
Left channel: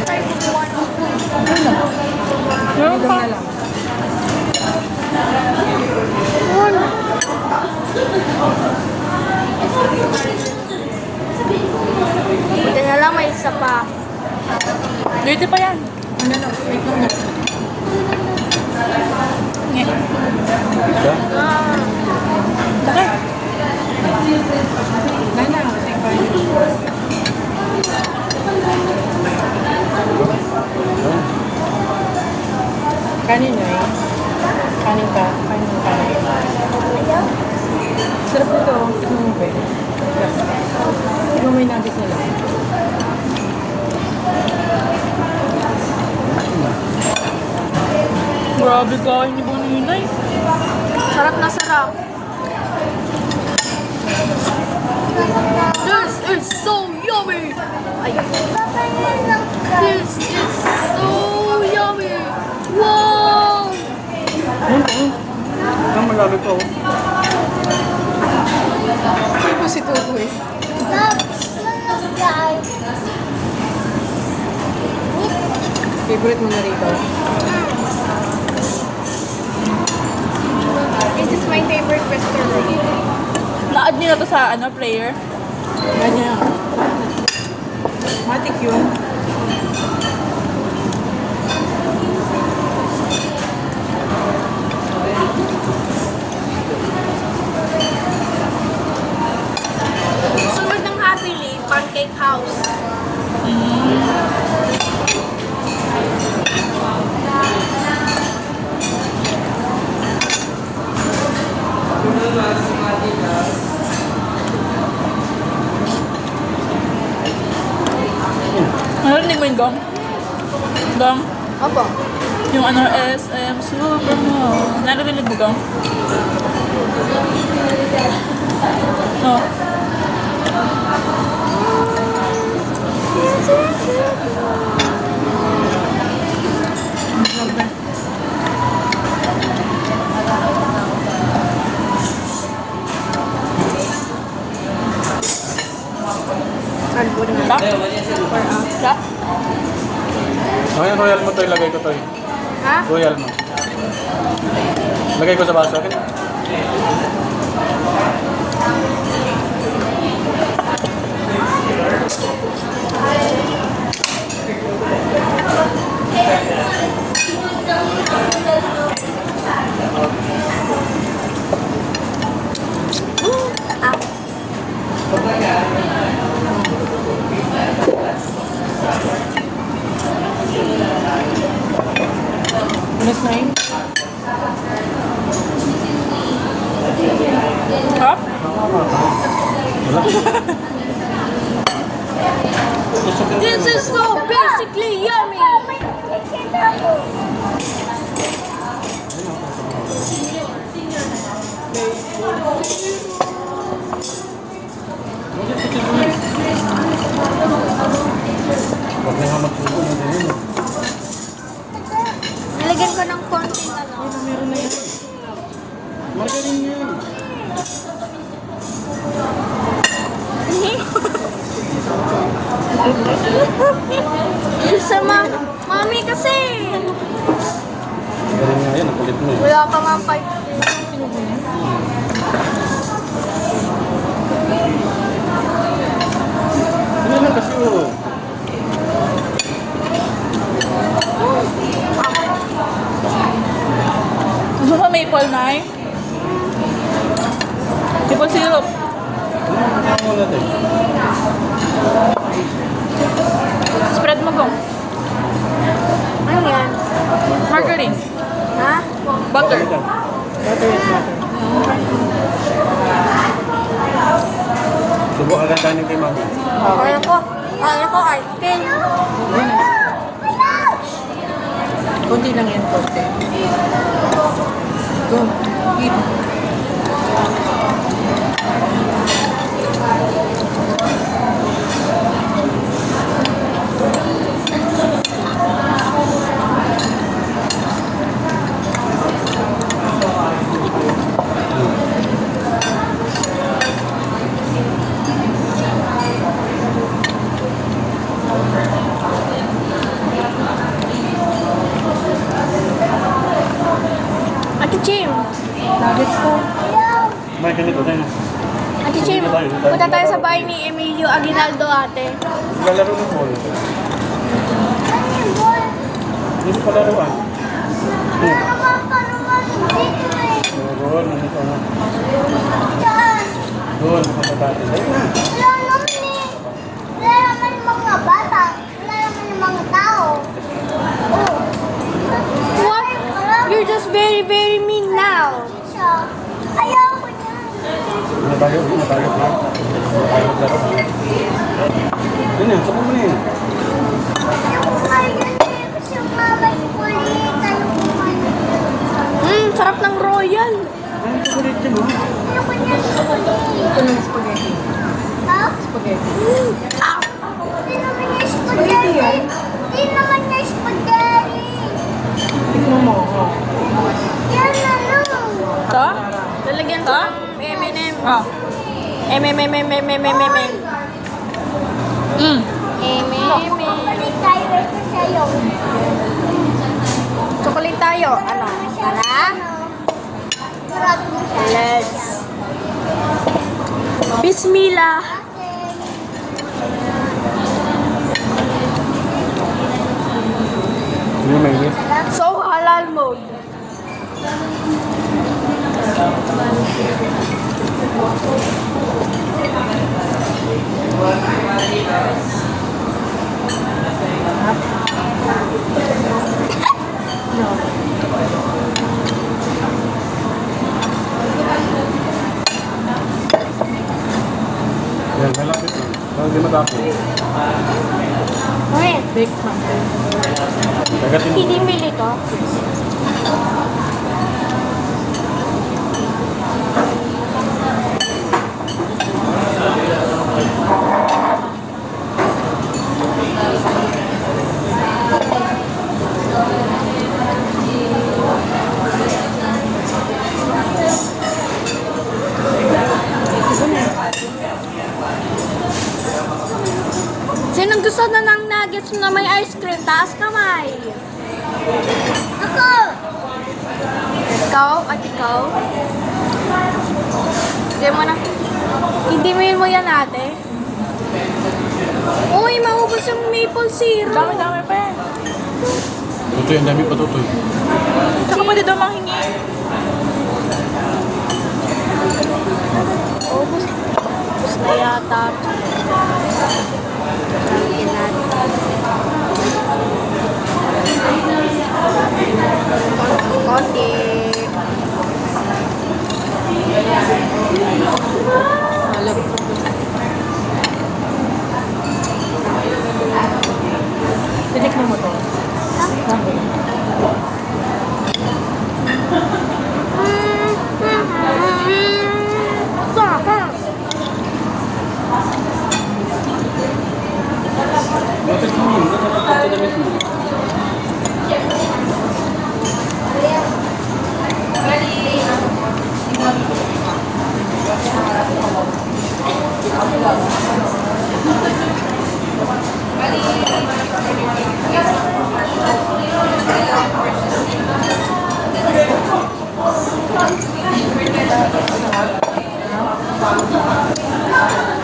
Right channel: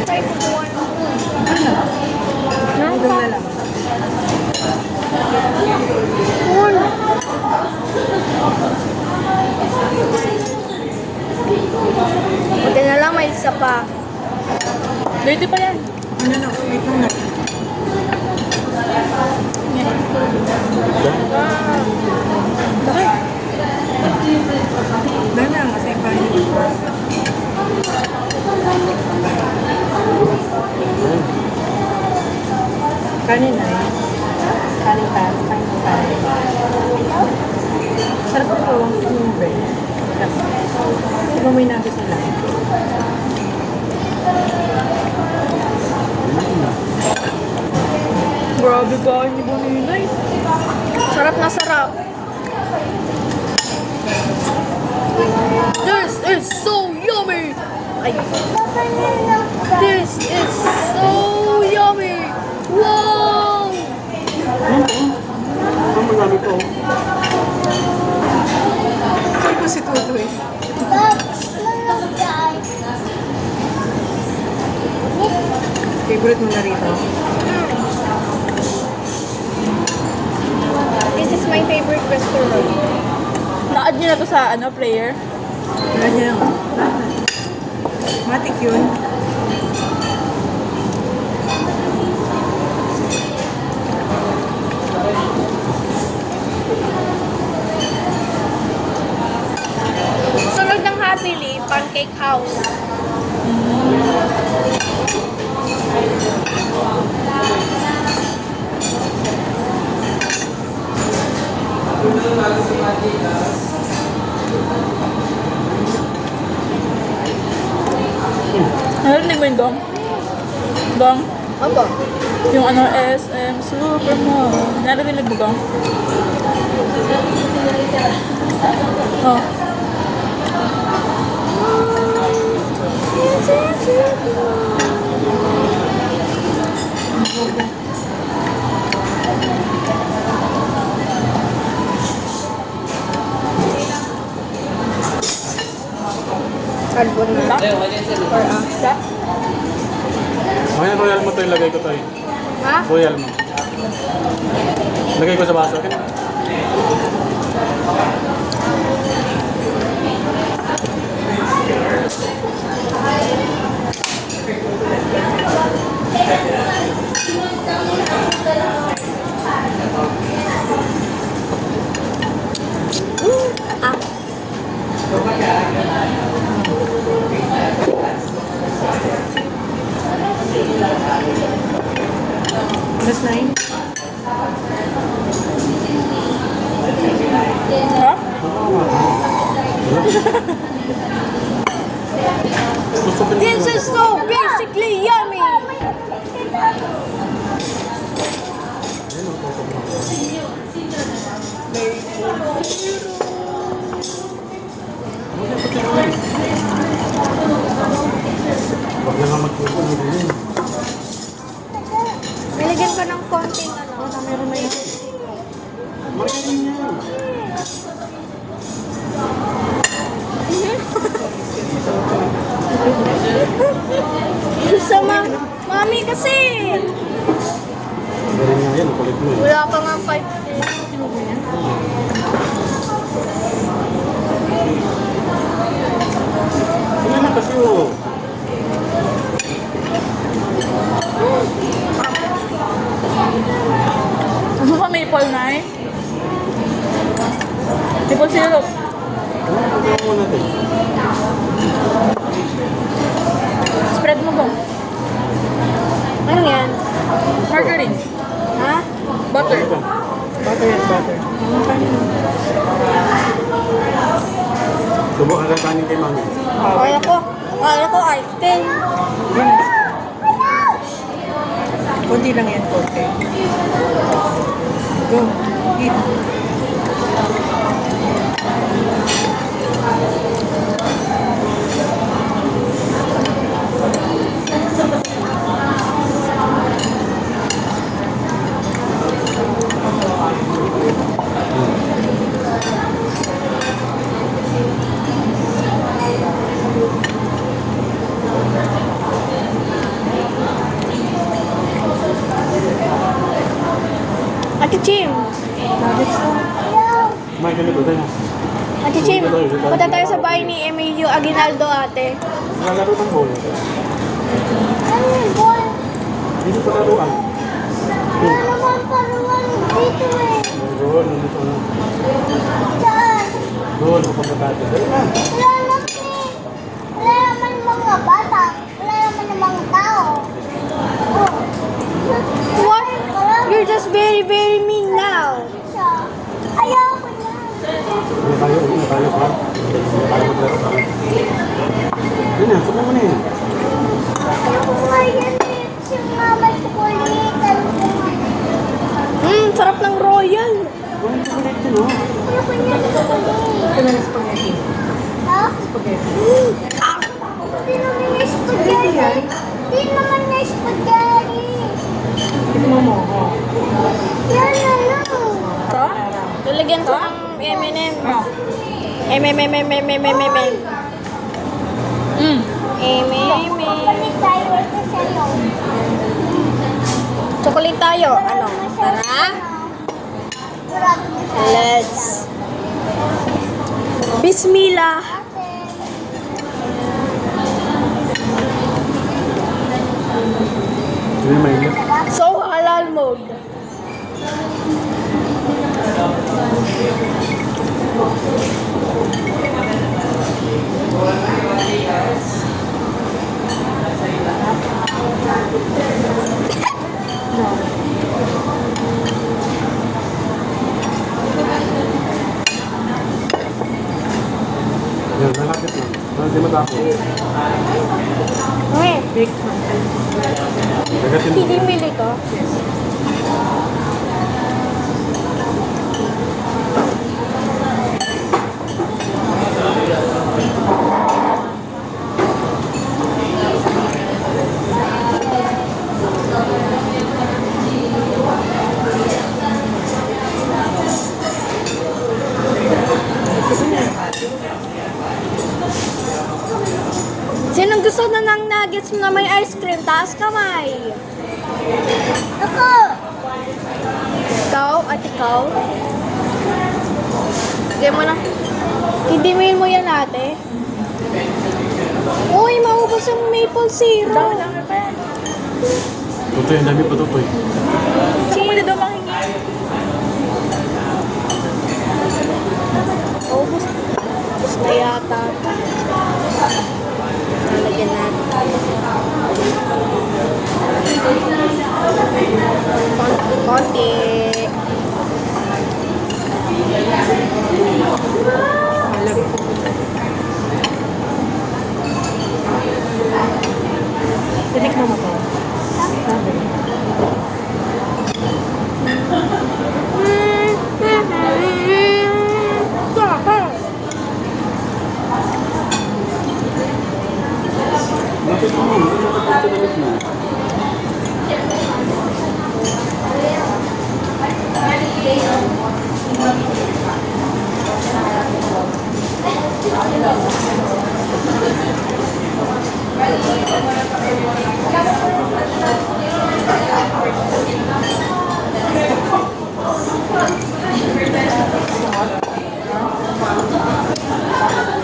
Try kumuha ng spoon. Meron pa. Spoon! Buti na lang may isa pa. Dirty pa yan. Kanin na eh. Kanin ka. Kanin ka. Sarap ito. Ano may nagis nila? Grabe kain ni Boninay. Sarap na sarap. This is so yummy! Ay. This is so yummy! Wow! Ang marami ko. Ay po si Tutu eh. Favorite nila rito. This is my favorite restaurant. Na-add niyo na to sa ano, player. Ganyan. Matik yun. Sunod ng Happily, Pancake House. Narinig mo yung gum? Bang, Opo. yung ano, SM Supermall. Naririnig mo bang? Oh. Albon na. Okay, royal mo to, ilagay ko to. Ha? Royal mo. Lagay ko sa baso, okay? Ah. That's 9. Ha? This is so basically yummy. Nilagyan ko ng konting ano. Sama, mami kasi. Yan, kulit mo. Wala ka nga 5 Ano na kasi yun? Gusto mo maple na eh? Maple syrup. Ano natin? Spread mo bang? Ano yan? Margarine. Ha? Butter. Subukan lang tanin kay mami. Kaya ko ice cream. Kunti lang yan, konti. Go. Eat. Ate Chim. May ganito tayo. Ate Chim, punta tayo sa bahay ni Emilio Aguinaldo ate. Lalaro ng bola. Dito pa laruan. Doon, nandito na. Doon, pupunta tayo. Ayun na. Wala naman mga bata. Wala naman mga tao. What? You're just very, very mean now. Ayaw ko yan. Ano tayo? Ano tayo? Ayun na, subukan mo na yun. Ayaw ko yan. Tapos yung mama ni kulitan ko. Sarap ng royal. Ayaw ko yan. Ito na spaghetti. Ha? Spaghetti. Di naman na spaghetti. Di naman na spaghetti. Tingnan mo. Yan na lang. Ito? Lalagyan ko ng M&M. Ah. M&M. Balik tayo ito sa'yo. Chocolate tayo. Ano? Tara. Kurado mo siya. Let's. Bismillah. Hindi na yun. So, halal mode. Yan, lalapit yun. Parang di matapos. Okay. Bake man. Agatin mo. Hindi mili ko. Sinong gusto na ng nuggets na may ice cream? Taas kamay. Ako! Ikaw at ikaw. Hindi mo na. Hindi mo yan ate. Uy, maubos yung maple syrup. Tutoy, ang dami pa tutoy. Tsaka pwede daw mahingi. Ubus. Ubus na yata. Lalagyan natin. Konti. Tinikman mo to. Bakit mo yun? Ano ka damit mo?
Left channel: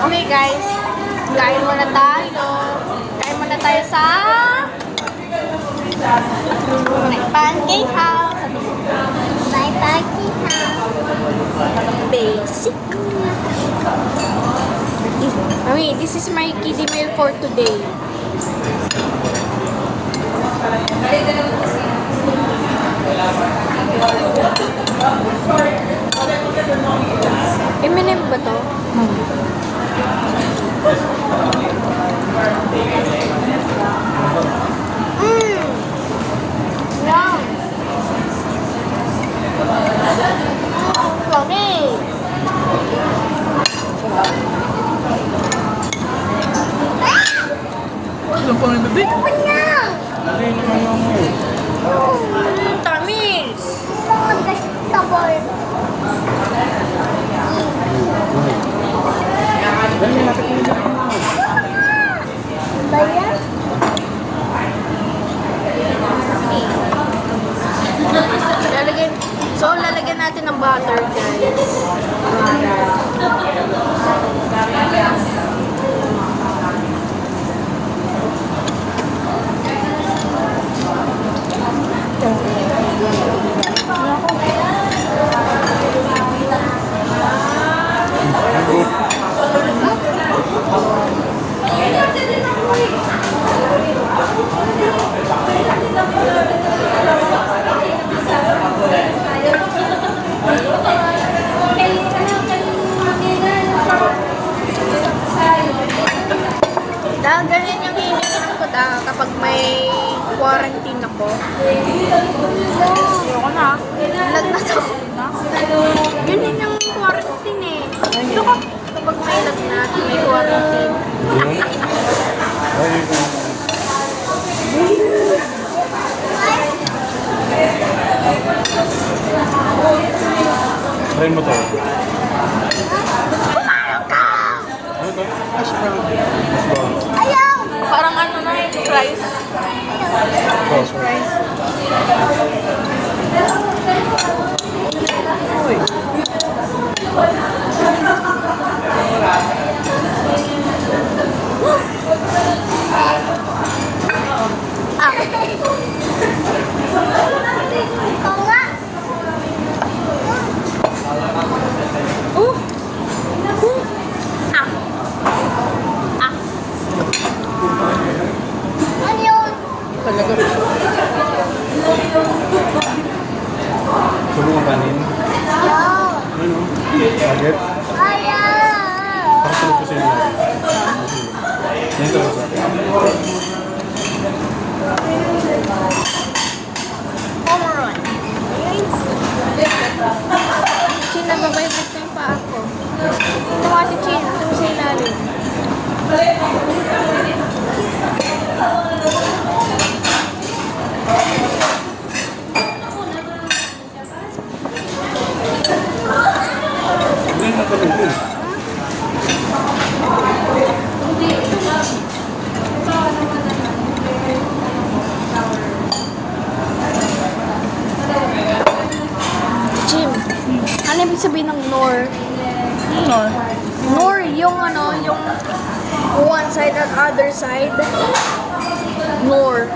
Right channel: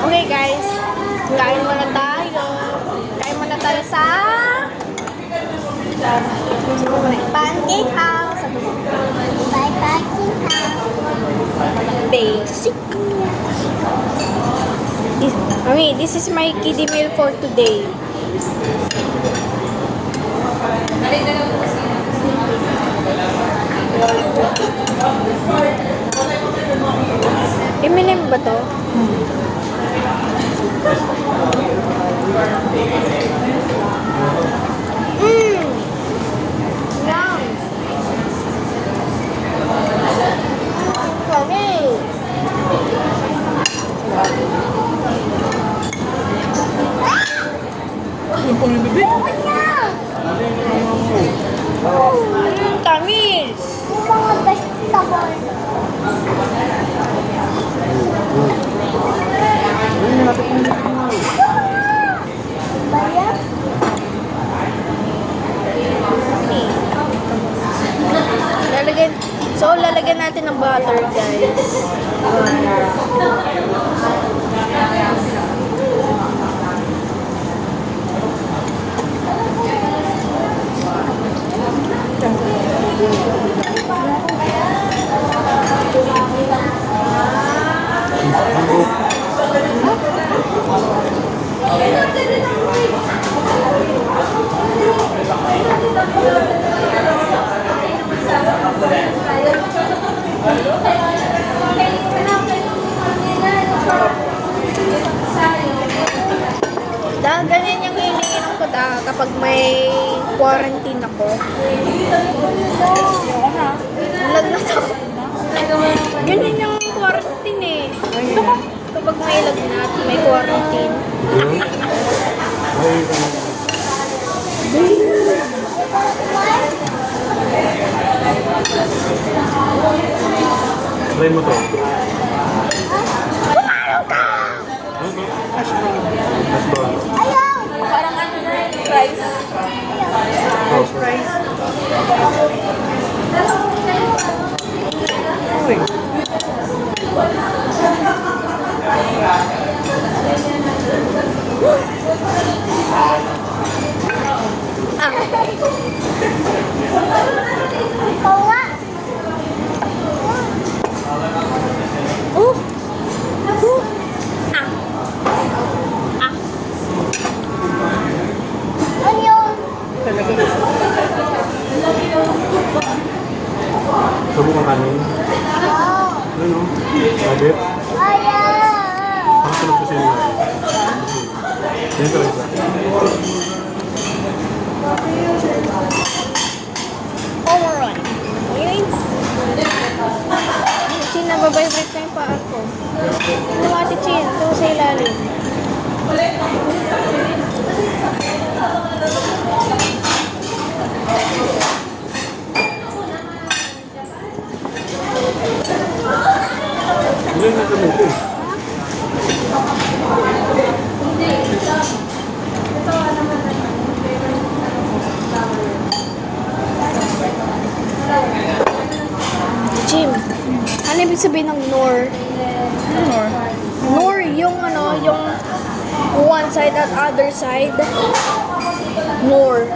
Okay guys, kain muna tayo. Kain muna tayo sa Pancake House. Bye, Paki. Basic. Mami, this is my kiddie meal for today. M&M ba to? Yum! Sorry! Alam po ng bibig. Tamis! Mga vegetable. Kaya? Lalagyan natin ng butter, guys. Dahil ganyan yung hinihiram ko kapag may quarantine ako. Ayoko na. Lagnat ako. Ganyan yung quarantine eh. Kapag may lagnat, may quarantine. Try mo to. Parang ano na yung fries. Ikaw nga. Ano yun? Talaga. Ate Chin. Ito mo sa ilalim. Hindi na kami ko. Jim, ano ibig sabihin ng nor? Nor. Nor yung ano, yung one side at other side. Nor.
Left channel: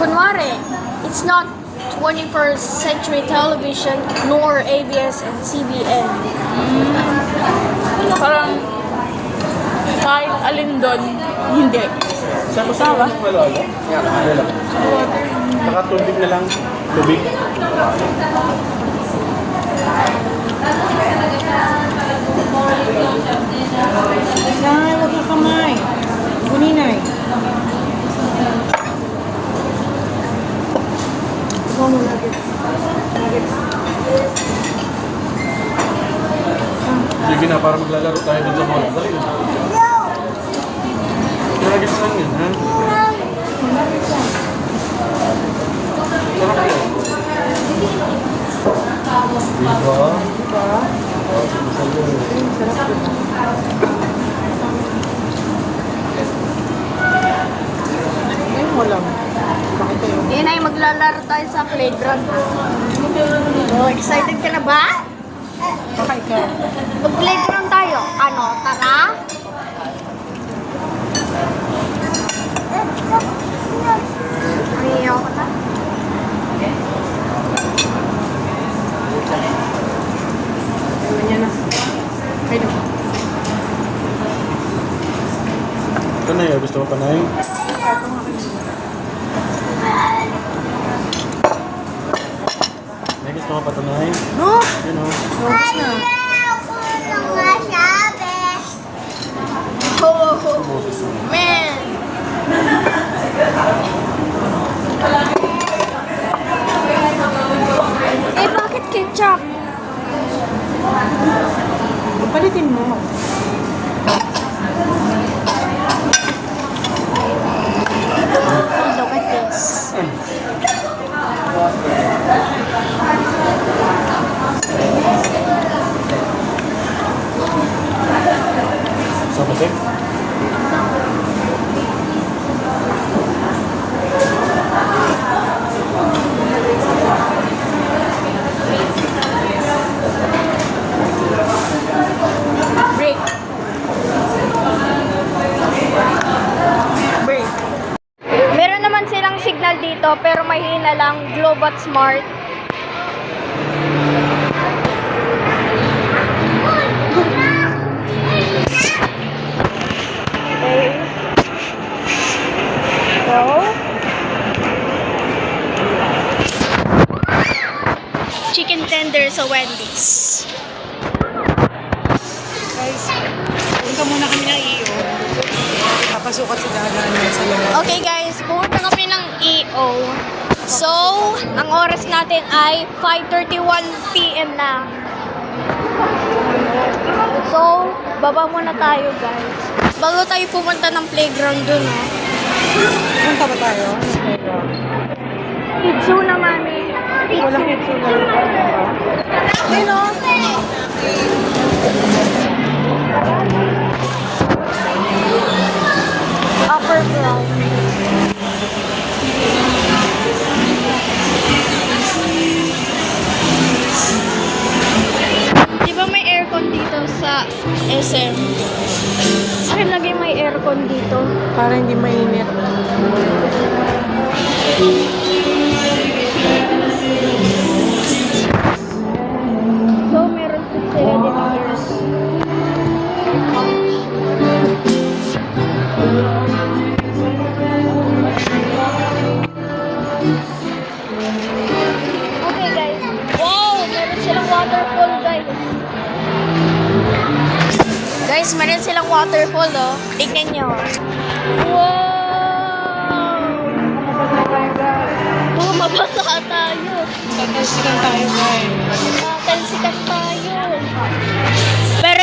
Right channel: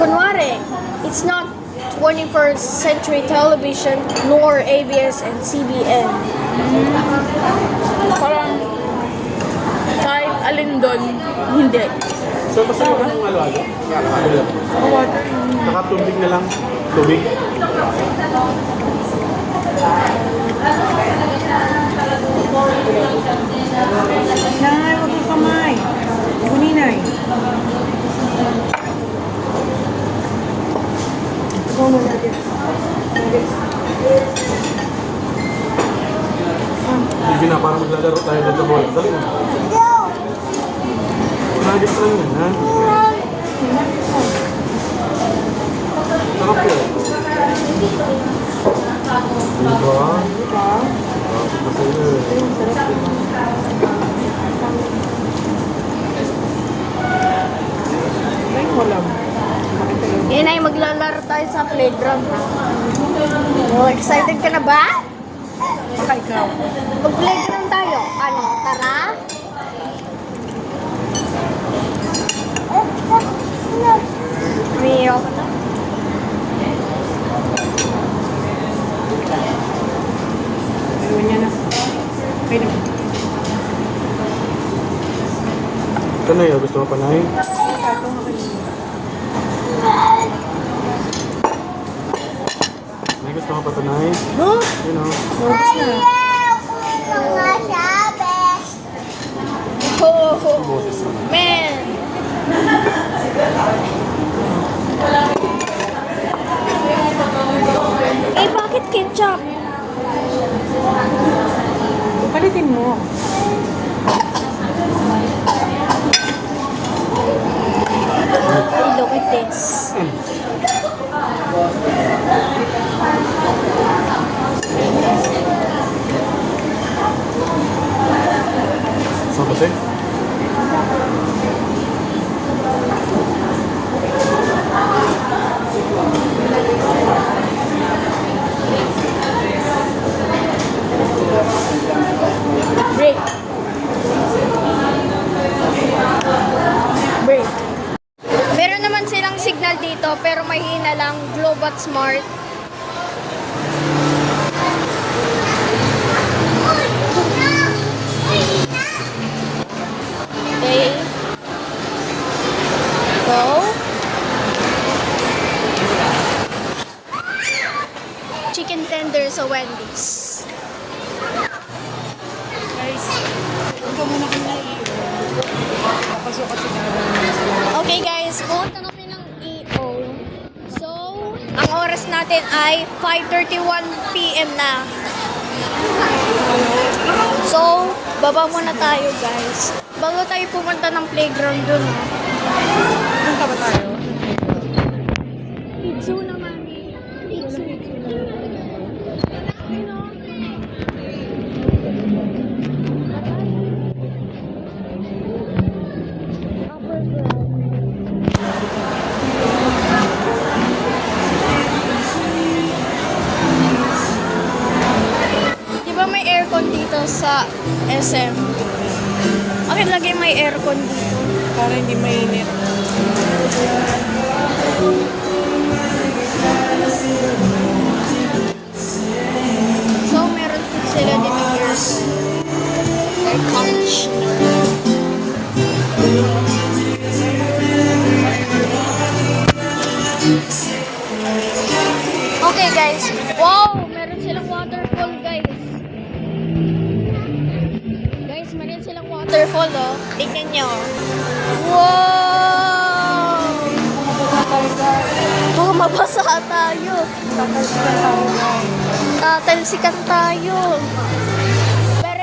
Kunwari, it's not 21st century television nor ABS and CBN. Parang kahit alin doon, hindi. Saan sa mga alaga? Nakatubig na lang. Tubig. Nay, wag ka kamay. Kuninay. Sige na, parang maglalaro tayo dito mo. Dali na. Nuggets lang yan, ha? Ayun mo lang. Bakit ayaw? Yun ay maglalaro tayo sa playground. Oh, excited ka na ba? Bakit ka? Mag-playground tayo. Ano, tara? Umiiyak ka na? Ayun niya na. Ayun. Ito na yun, gusto mo panahin? May gusto mo patunahin? No! Yun o. Notes na. Mga sabi. Oh, man! Eh, bakit ketchup? Palitin mo. Hey, look at this. Something? Break. Break. Meron naman silang signal dito pero mahina lang. Globat Smart. Okay. Go. Chicken tender sa Wendy's. Punta muna kami ng iyo. Papasok at sa gagawin sila. Okay guys, pumunta kami ng EO. So, ang oras natin ay 5:31 PM na. So, baba muna tayo guys. Bago tayo pumunta ng playground dun, oh. Punta ba tayo? Kitsu na, mami. Wala kitso na. Ayun, oh. Upper ground. Di ba may aircon dito sa SM? Akin lagi may aircon dito. Para hindi mainit. So, meron din sila dito aircon. Air conditioner. Okay guys. Wow! Meron silang waterfall guys. Guys, meron silang waterfall oh. Tingnan nyo. Wow! Mabasa tayo guys. Baka mabasa tayo. Tatalsikan tayo guys. Tatalsikan tayo. Pero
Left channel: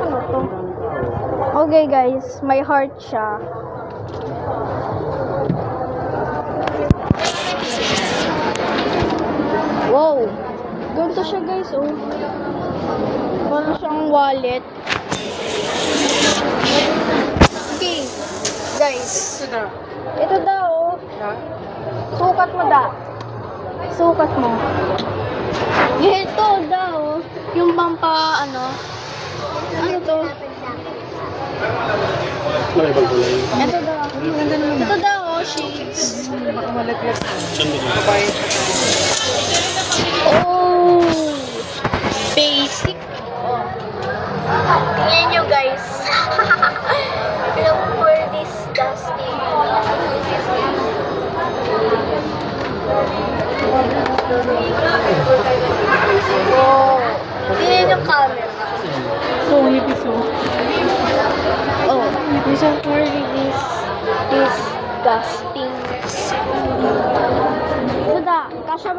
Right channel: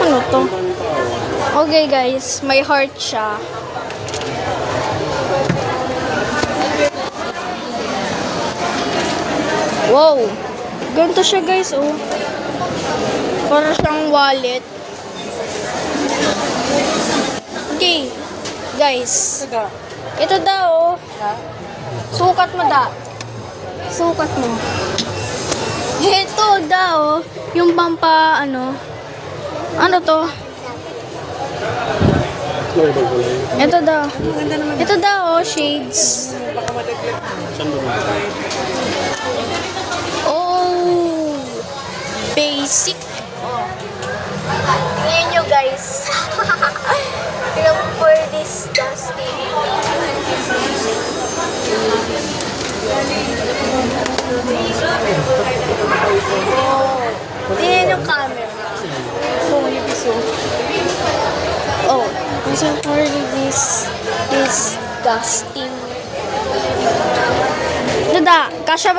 Ano to? Okay guys, may heart siya. Wow! Ganito siya guys, oh. Para siyang wallet. Okay, guys. Ito. Ito daw, oh. Ha? Sukat mo da. Sukat mo. Ito daw, yung pampa, ano to? Ano ibang kulay? Ito daw. Ang ganda naman. Ito daw, oh, shades. Baka malaglag. Saan ba ito? Babae. Oh! Basic. Oh. Tingnan nyo, guys. Look for this dusty. Wow. Tingnan yung camera. So, hipis oh. Oh, listen for this disgusting. Dada, kasya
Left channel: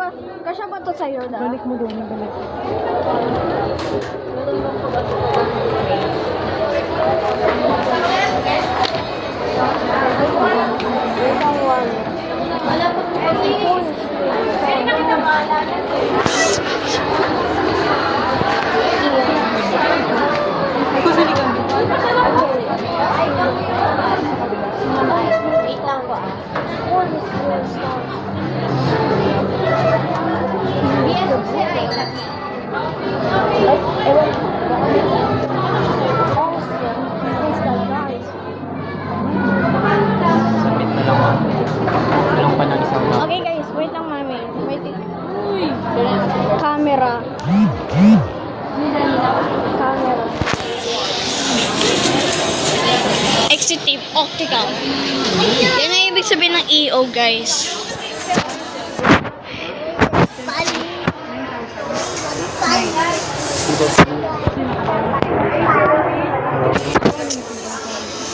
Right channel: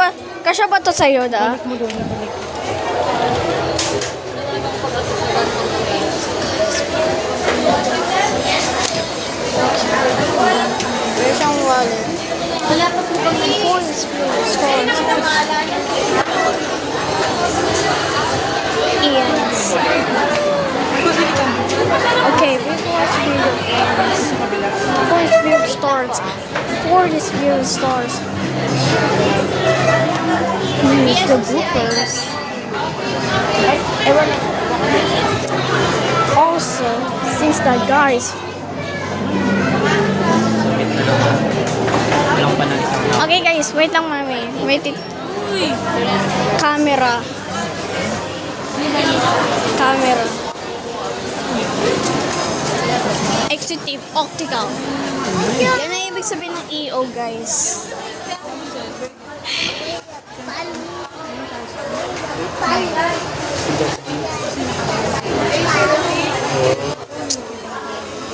ba to sa'yo, da? Balik mo doon. Balik. There's ang wallet. Phone is ears. Okay. Five weird stars. Four is weird stars. It's the bookings. Also, since the guys. Okay guys, wait lang mami. Wait it. Camera. Camera. Exitive optical. Yan ang ibig sabihin ng EO, guys.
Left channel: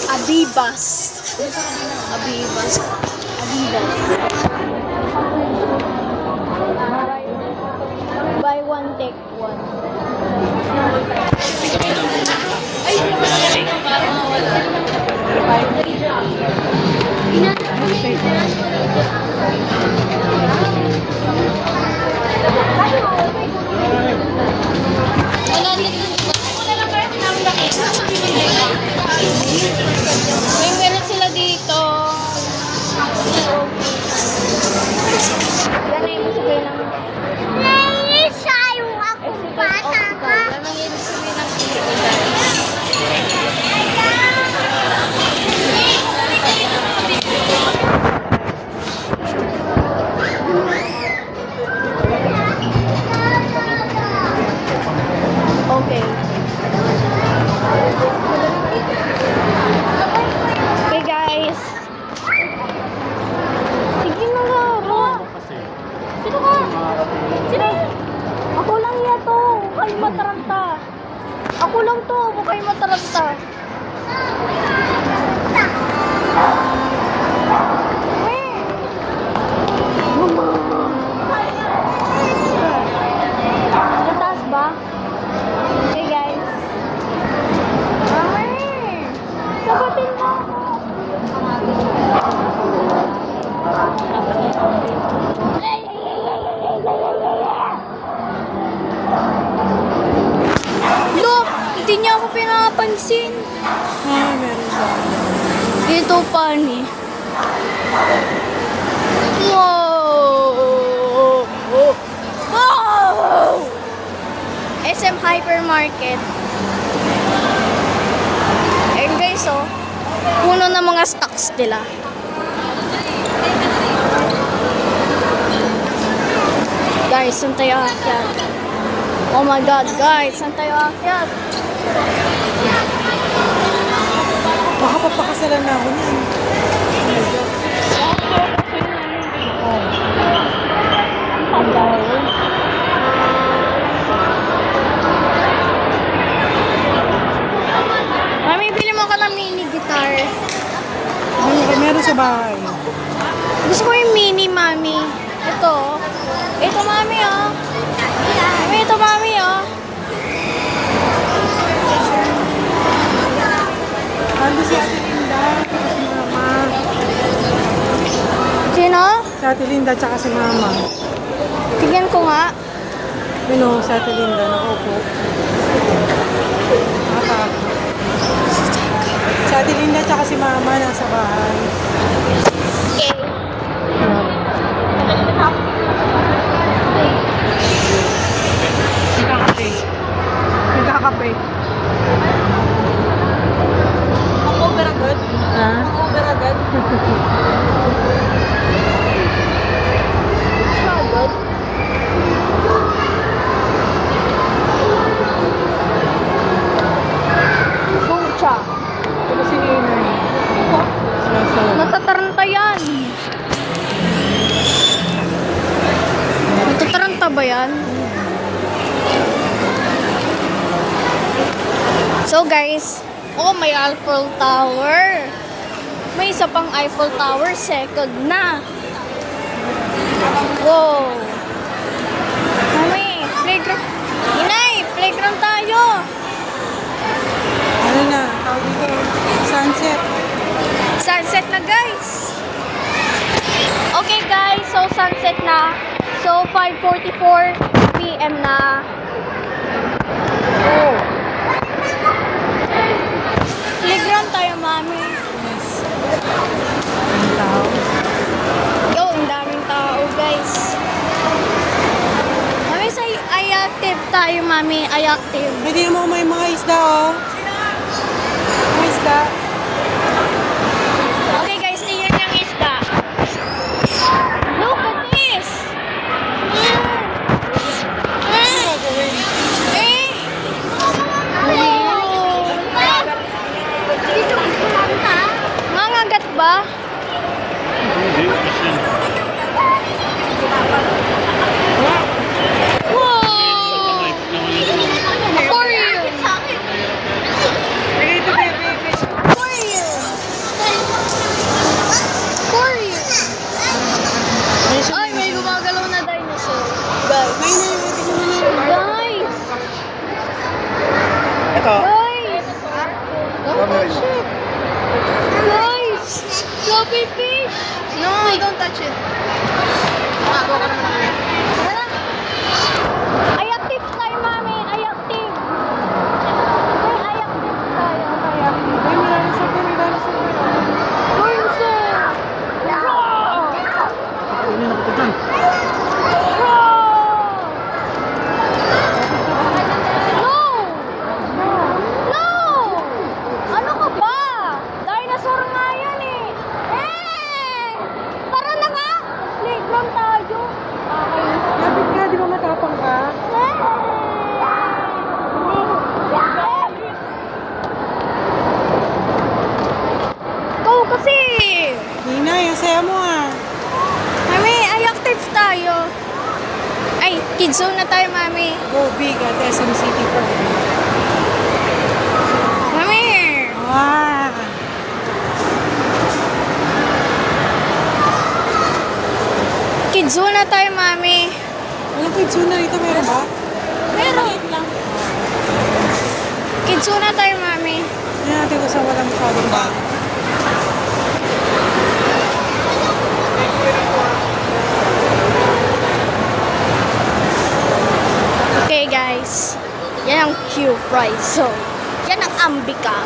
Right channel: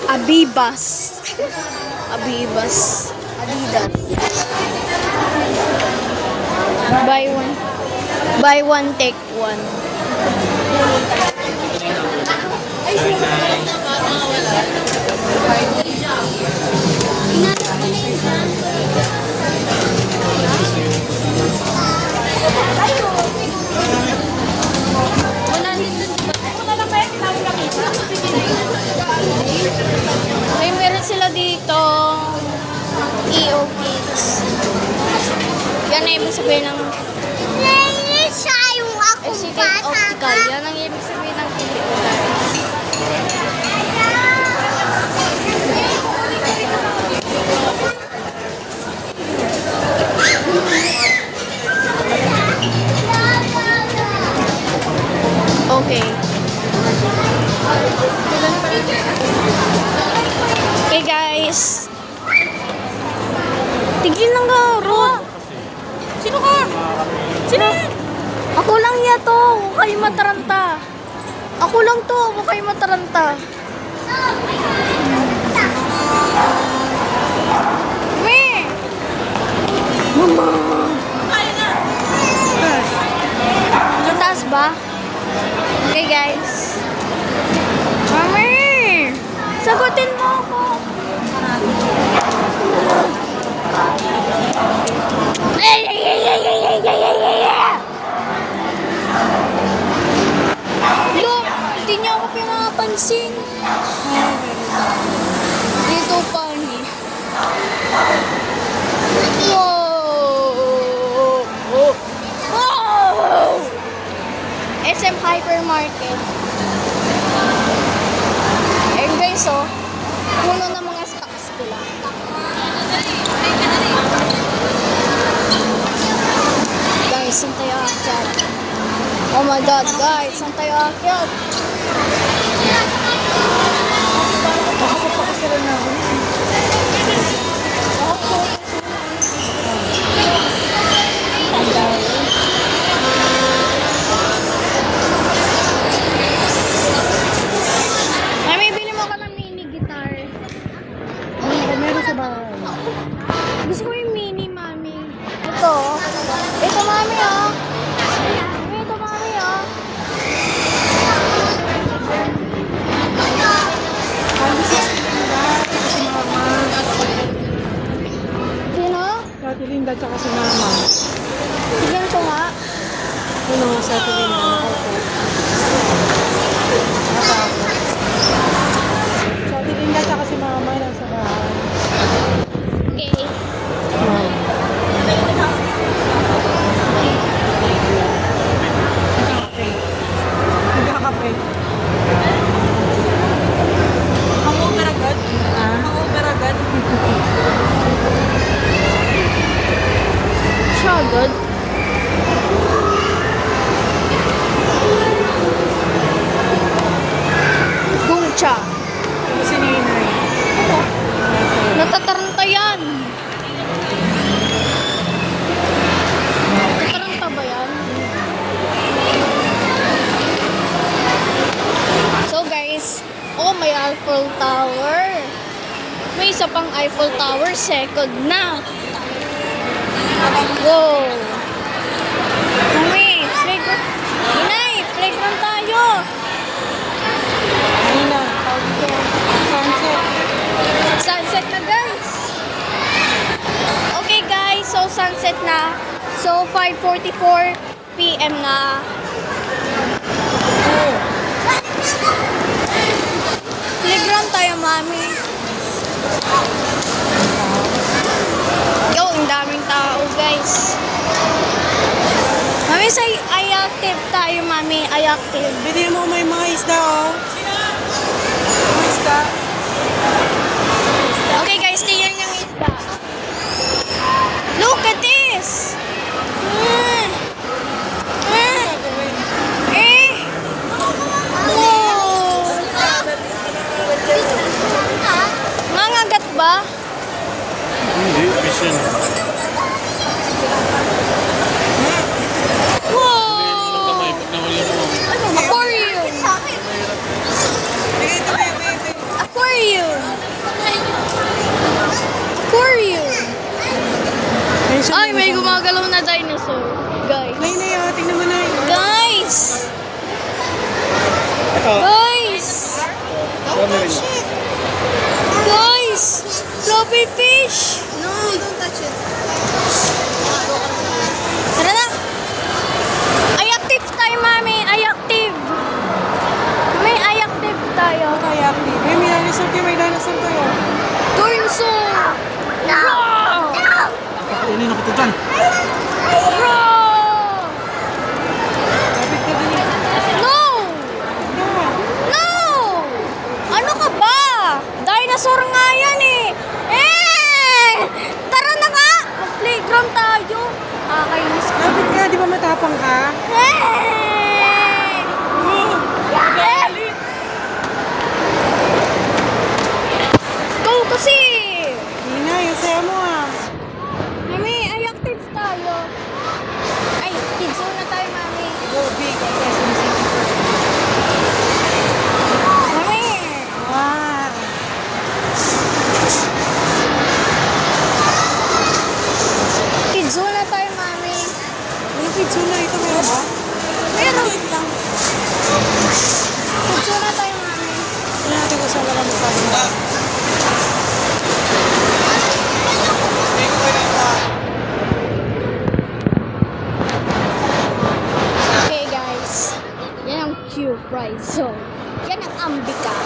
Abibas. Abibas. Adidas. Buy one, take one. May meron sila dito. EOP. Yan na ibig sabihin ng Siya yung ako Executive Optical. Yan ang ibig sabihin ng EO, guys. Okay. Okay, guys. Tigil ng garo. Sino ka? Sino? Ako lang niya to. Huwag kayo mataranta. Ako lang to. Huwag kayo mataranta. Weh! Mataas ba? Okay, guys. Mami! Sagutin mo ako. Look! Hindi niya ako pinapansin. Dito pa ni. Wow! Wow! SM Hypermarket. Ayun guys, oh. Puno ng mga stocks nila. Guys, saan tayo aakyat? Oh my God, guys, saan tayo aakyat? Sila na ako. Mami, bili mo ka ng mini guitar. Meron sa bahay. Gusto ko yung mini, mami. Ito. Ito, mami, oh. Mami, ito, mami, oh. Ate Linda tsaka si Mama. Tignan ko nga. Yun o, si Ate Linda. Nakaupo. Si Ate Linda tsaka si Mama nasa bahay. Okay. Nagkakape. Nagkakape. Hangover agad. Hangover agad. Siya agad. Ducha. Ito si Ninay. Natataranta yan. Natataranta ba yan? So guys, oh may Eiffel Tower. May isa pang Eiffel Tower, second na. Wow. Mami, playground. Inay, playground tayo. Ano na? Sunset. Sunset na guys. Okay guys, so sunset na. So 5:44 PM na. Oh. Playground tayo, mami. Yo, ang daming tao guys. Mami, sa i-active tayo, mami. I-active. Hindi mo may mga isda oh. Mga isda. Okay guys, tingnan yung isda. Look at this! Eh! Wow! Mangagat ba? Hindi, kasi Wow! Aquarium! Aquarium! Aquarium! Ay, may gumagalaw na dinosaur. Guys. May na yun. Tingnan mo na yun. Guys! ito. Guys! Don't touch it! Guys! Floppy fish! No, don't touch it. Tara na! Ay, active tayo, mami! Ay, active! Mami, ay, active tayo. May dinosaur kayo. May dinosaur kayo. Dinosaur! Wow! Ano na kita dyan? Wow! No! No! Ano ka ba? Dinosaur nga yan eh! Eh! Tara na nga! Playground tayo! Kakainis ka. Lapit ka. Di ba matapang ka? Eh! Ikaw kasi! Ninay, ang saya mo ah. Mami, ay active tayo. Ay, kids zone na tayo, mami. Go big at SM City Park. Mami! Wow. Kids zone na tayo, mami. Ano kids zone na ito? Meron ba? Meron. Kids zone na tayo, mami. Ano natin ko sa walang masyadong. Okay, guys. Yan ang Q-Prize zone. Yan ang Ambika.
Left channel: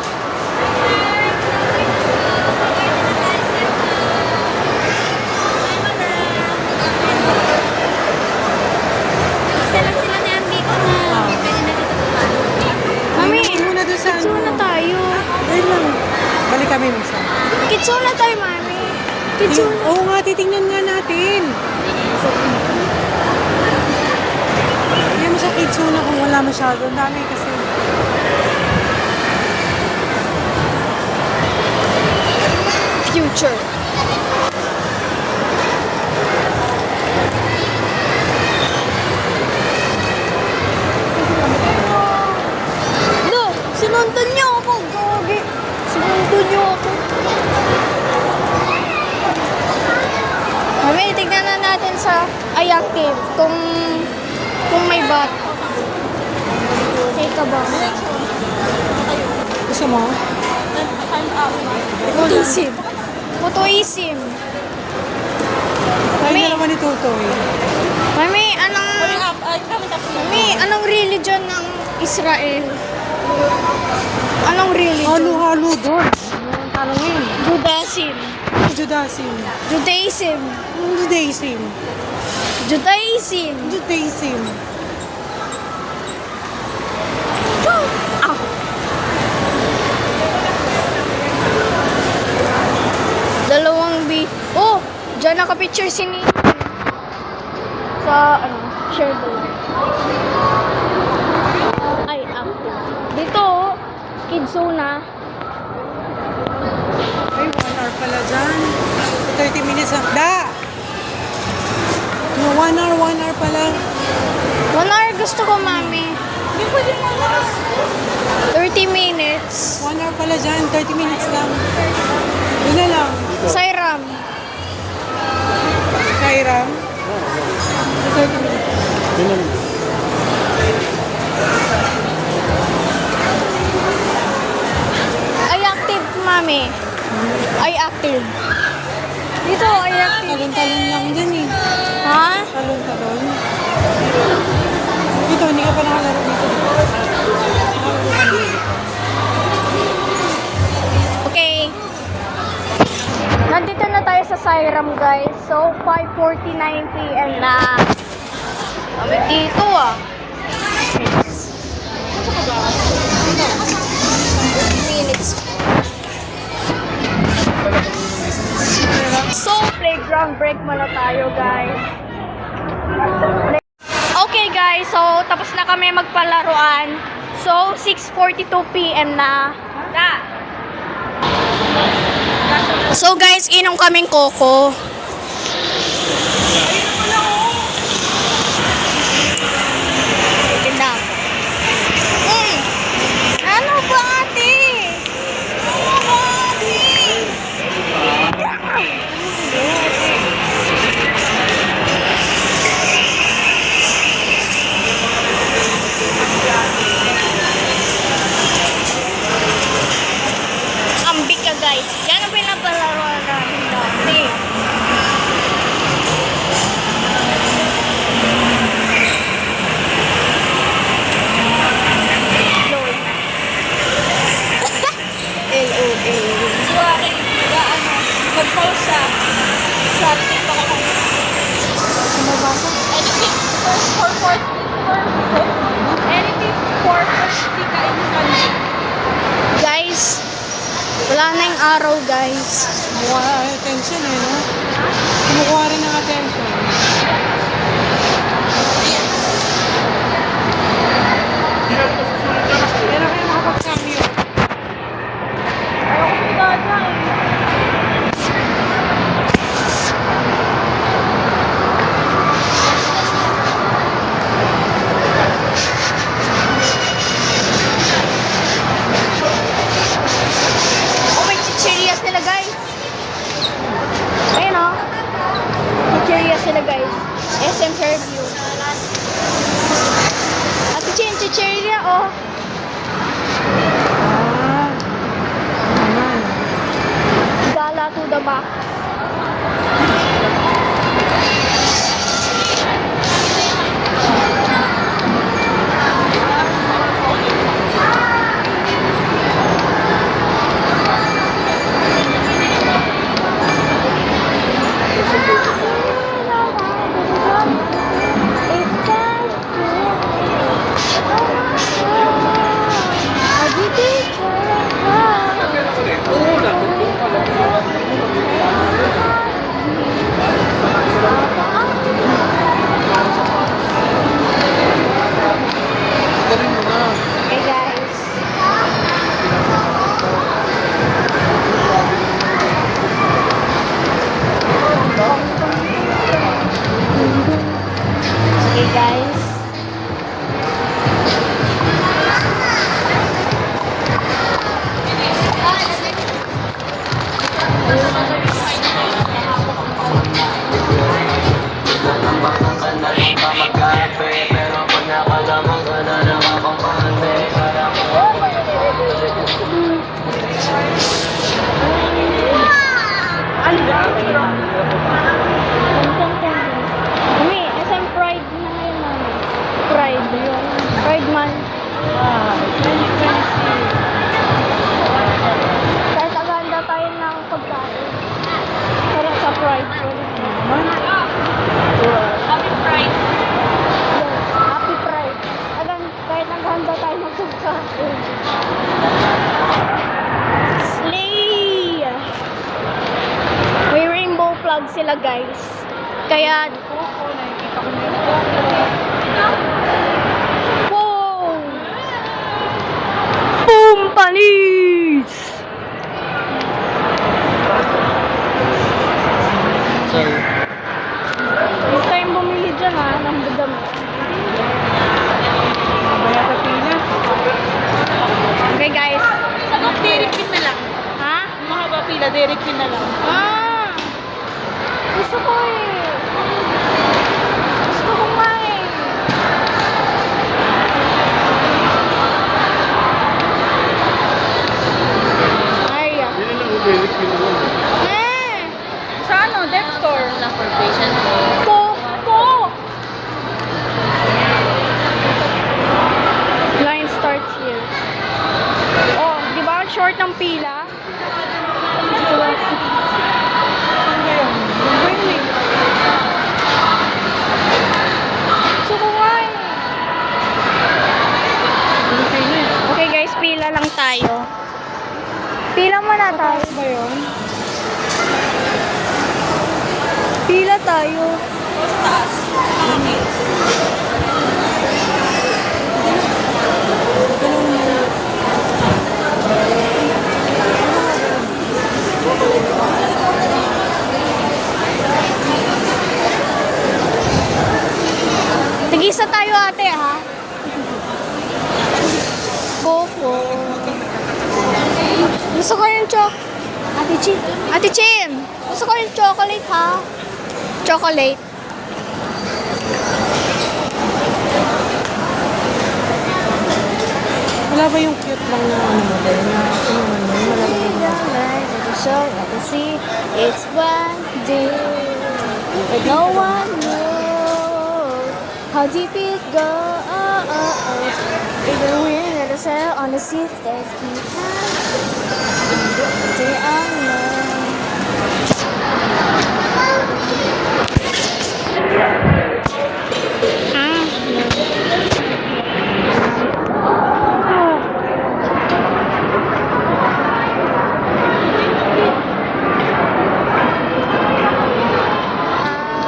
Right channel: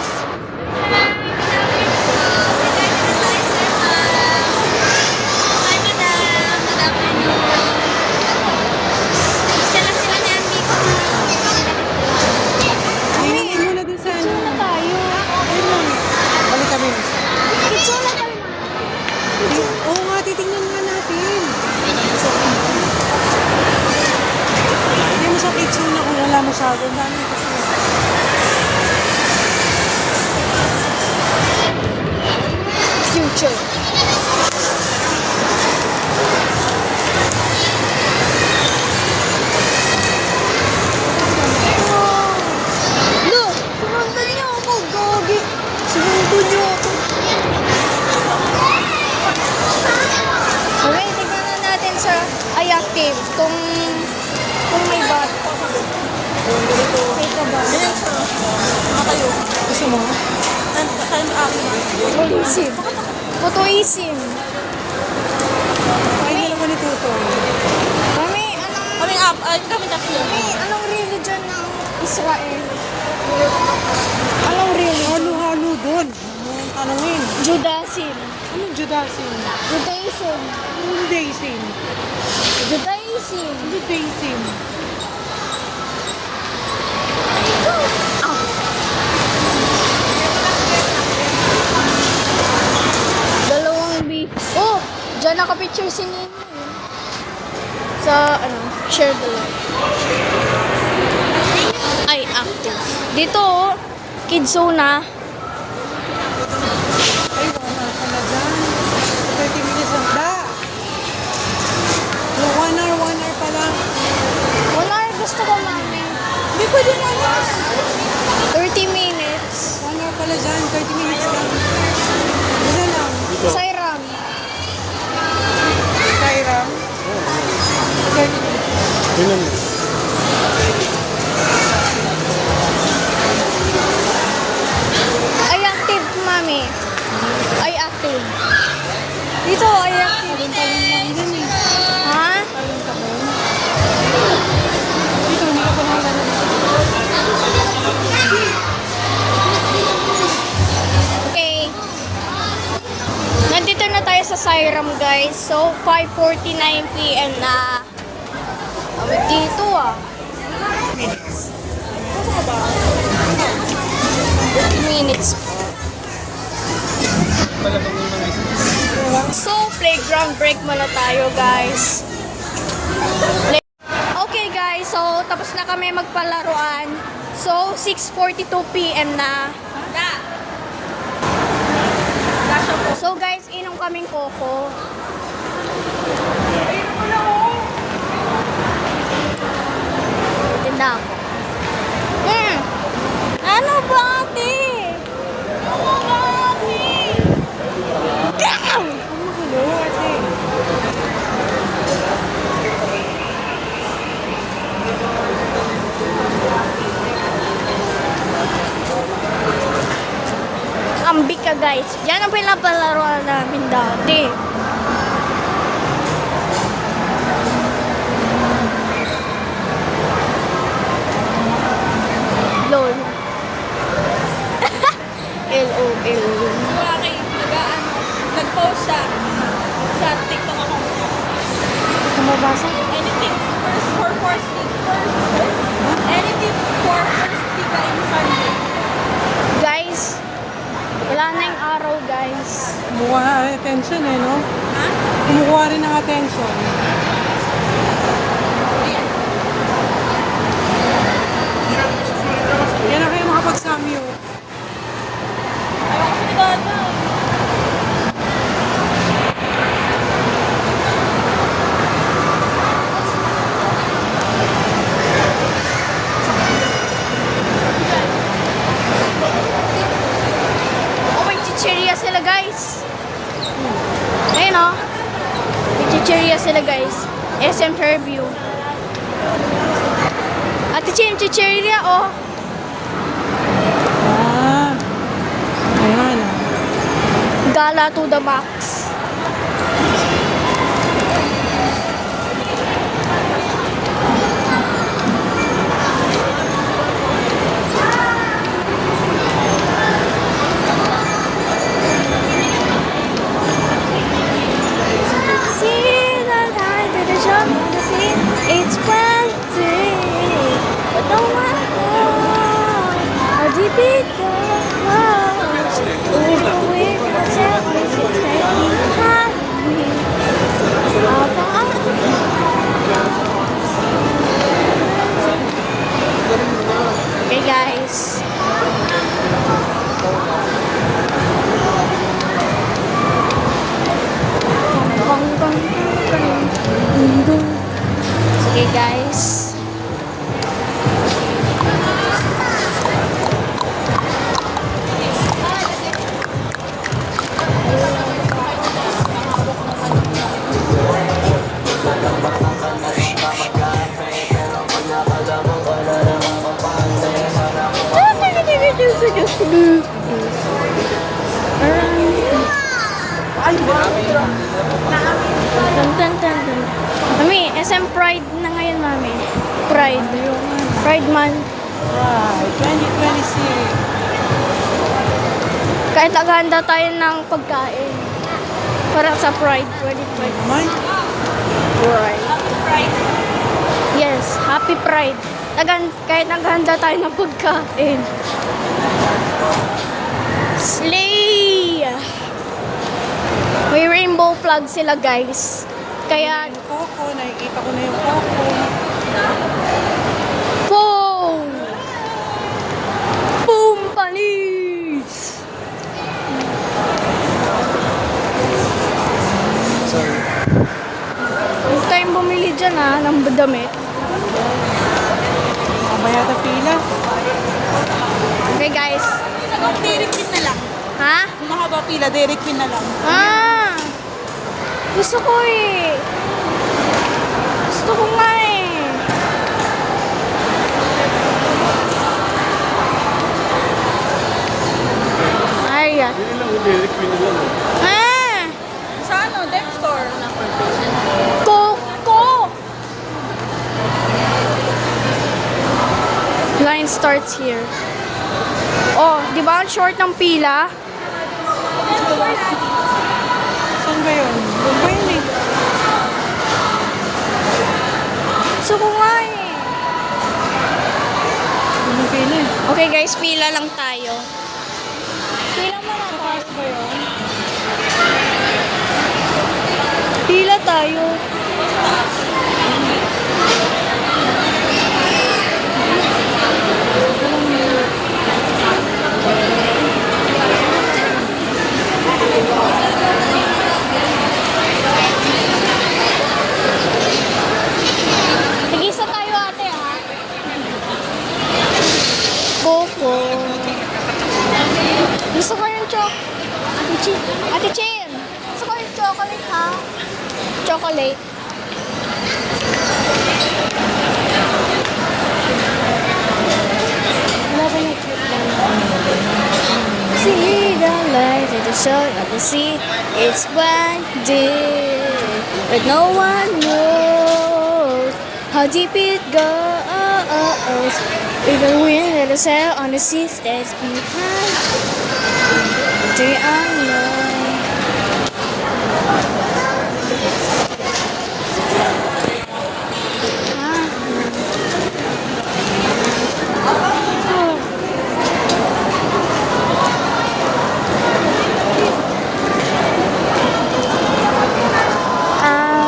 Hi, madam. Good afternoon. Sila ni Ambika. Mami, Ayun muna doon sa kids zone na tayo. Ayun. Balik kami. Kids zone na tayo, mami. Kids zone. Oo nga, titingnan nga natin. Hindi mo sa kids zone kung wala masyado. Ang dami kasi. Future. Lo, sinundan niyo ako, gogi. Sinundan niyo ako. Okay, tignan na natin sa iActive kung may bata. Okay ka ba? Gusto mo? Isim. Photo isim. Mami, ni Tutoy. Mami, anong religion ng Israel? Anong religion? Halo-halo doon. Ano yun? Judaism. Judaism. Judaism. Judaism. Judaism. Judaism. Ah. Dalawang Oh! Diyan nakapicture si Nina. Sa, share the light. Ay, active. Dito, Kidzona. Ay, 1 hour pala dyan. 30 minutes ang da. No, 1 hour pala. 1 hour gusto ko, mami. Hindi pwede na. 30 minutes. 1 hour pala dyan, 30 minutes lang. Isa lang. Sairam. Kairam. Yun lang. Ay, active, mami. Ay, active. Dito, ay active. Talong-talong lang din eh. Ha? Talong-talong. Dito, hindi ka pa naman Okay. Nandito na tayo sa Sairam, guys. So, 5:49 p.m. na. Kami dito, ah. Minutes. So, playground break muna tayo, guys. Okay, guys. So, tapos na kami magpalaruan. So, 6:42 p.m. na. So, guys, inom kaming koko. Tinda ako. Ano ba, ate? Ano ba, ate? Ambik ka, guys. Yan ang pinapalaruan namin dati. LOL. LOL. Nag-post sa TikTok ako. Anything anything for first week in Sunday. Guys, wala na yung araw, guys. kumuha na ng attention eh, no? Kumuha rin ng attention. Yan na kayo makapag-cameo. Oh, may chichirya sila, guys. Ayun, oh. May chichirya sila, guys. SM Fairview. Ate Chin, chichirya, oh. Ayan. Gala to the max. It's planting. Hey guys. Hey guys. Dun, dun, dun, dun. Pride 2020. Pride. Yes, Happy Pride. Kahit naghanda tayo ng pagkain. Slay! May rainbow flag sila, guys. Kaya, Coco, nakikita ko na yung boom! Boom, palis! Sorry. Huwag tayong bumili dyan, ha, ng damit. Bayata pila. Okay, guys. Direct pin na lang. Ha? Kung mahaba pila, direct pin na lang. Ah! Gusto ko eh. Gusto ko nga eh. Ay, Yun lang, Derek, yun lang. ah! Sa ano, Dep Store. Coco! Line starts here. Oh, di ba ang short ng pila? Saan ba yun? Gusto ko nga eh. Okay guys, pila lang tayo. Pila muna tayo ba yun? Pila tayo. Tigisa tayo ate ha. Coco. Gusto ko yung Ate Chin. Ate Chin. Gusto ko yung chocolate ha. Chocolate. Wala ba yung cute lang na ano ba yun? See the light at the shore of the sea. It's one day, but no one knows how deep it goes. Even when there's a sail on the sea stays behind the unknown. Ah, no. Ah.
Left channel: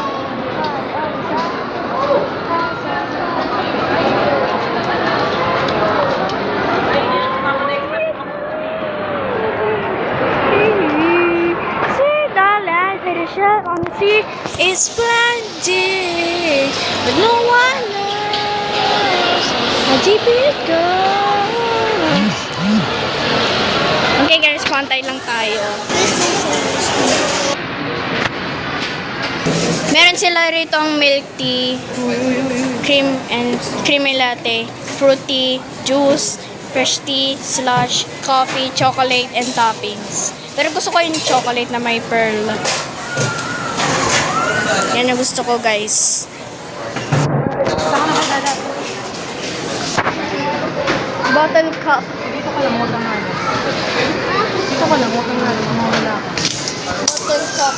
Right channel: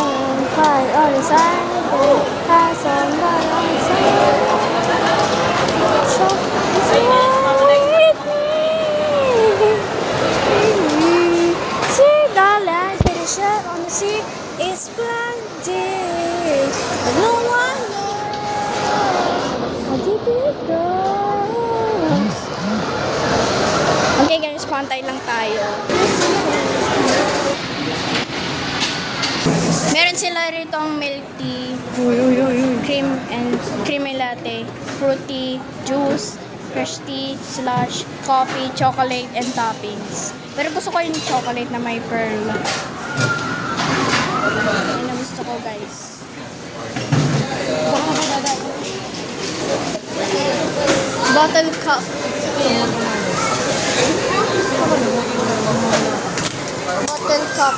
On the sea is splendid, but no one knows how deep it goes. Okay guys, pantay lang tayo. Meron sila rito ang milk tea, creamy latte, fruity, juice, fresh tea, slush, coffee, chocolate, and toppings. Pero gusto ko yung chocolate na may pearl. Yan ang gusto ko, guys. Bottle cup. Bottle cup.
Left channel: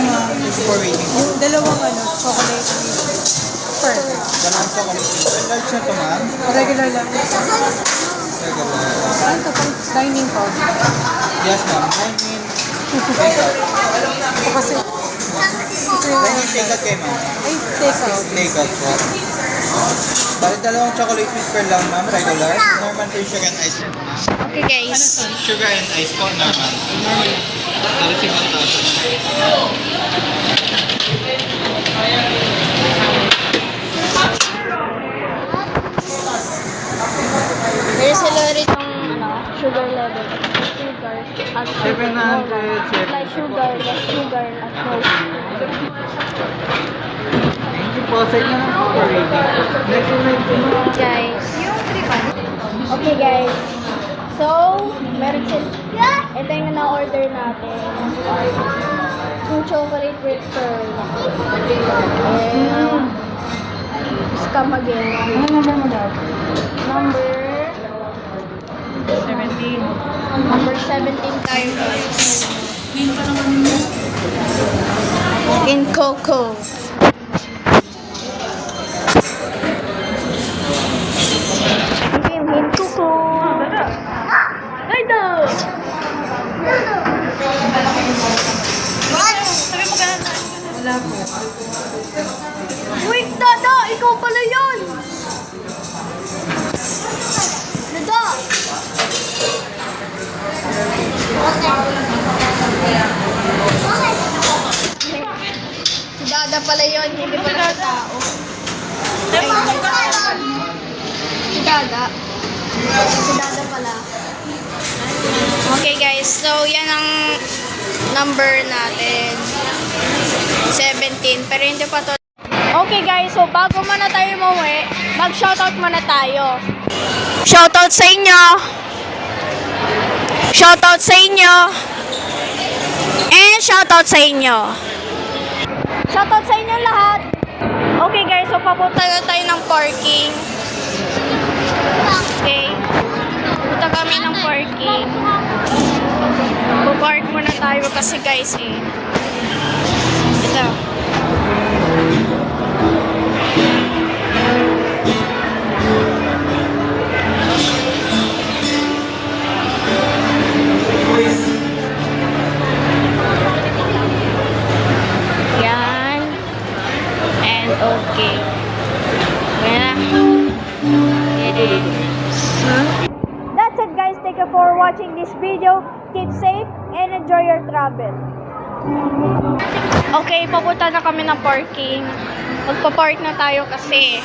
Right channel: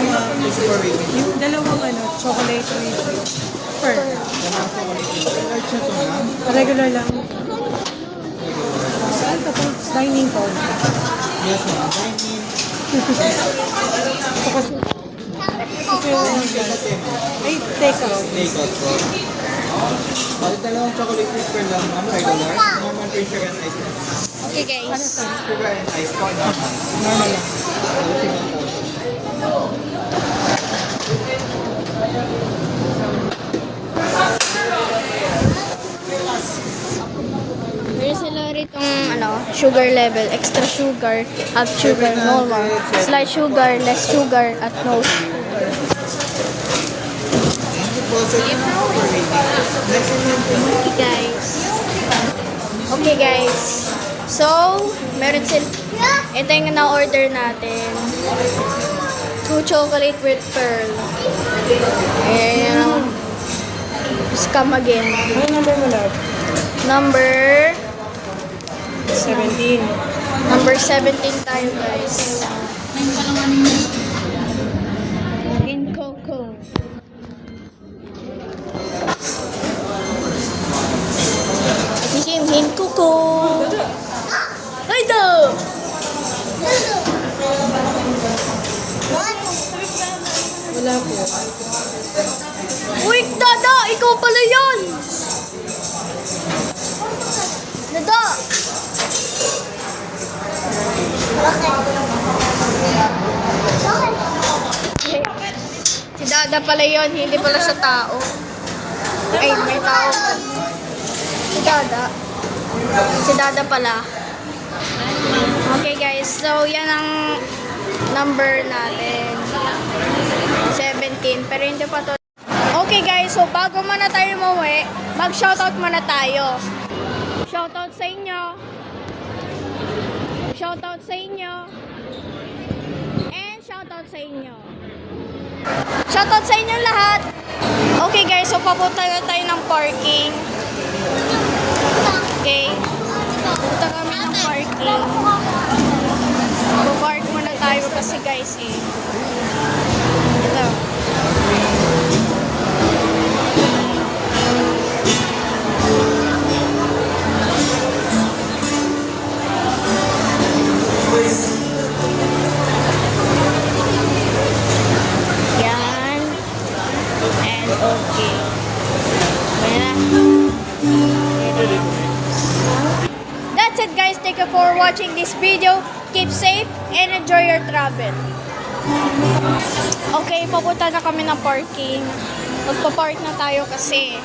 Yung dalawang ano, chocolate with pearl. Regular lang. Ano to? Dining po. Yes, ma'am. Dining. Kasi Dining take out kayo, ma'am. ay, take out. Take out po. Balik dalawang chocolate with pearl lang, ma'am. Regular. Naman po yung sugar and ice cream, ma'am. Okay, guys. Sugar and ice po naman. Balik 1,000. Meron sila ritong sugar level, extra sugar, at sugar, normal, slight sugar, less sugar, at no. Thank you po sa inyo. Next one. Okay, guys. Okay, guys. So, meron sila, ito yung na-order natin. 2 chocolate with pearl. And, scam again. Ano number mo na? Number 17. Number 17 tayo, guys. In Coco. In Coco. Ay, daw! Wala po. Wait, Dada! Ikaw pala yun! Dada! Si Dada pala yun, hindi pala siya tao. Ay, may tao pala. Si Dada. Si Dada pala. Okay guys, so yan ang number natin. 17, pero hindi pa to. Okay guys, so bago muna tayo umuwi, mag-shoutout muna tayo. Shoutout sa inyo! Shoutout sa inyo! And shoutout sa inyo! Shoutout sa inyo lahat! Okay guys, so papunta na tayo ng parking. Okay. Punta kami ng parking. Pupark muna tayo kasi guys eh. Ito. Yan. And okay. Well, that's it guys. Thank you for watching this video. Keep safe and enjoy your travel. Okay, papunta na kami ng parking. Magpa-park na tayo kasi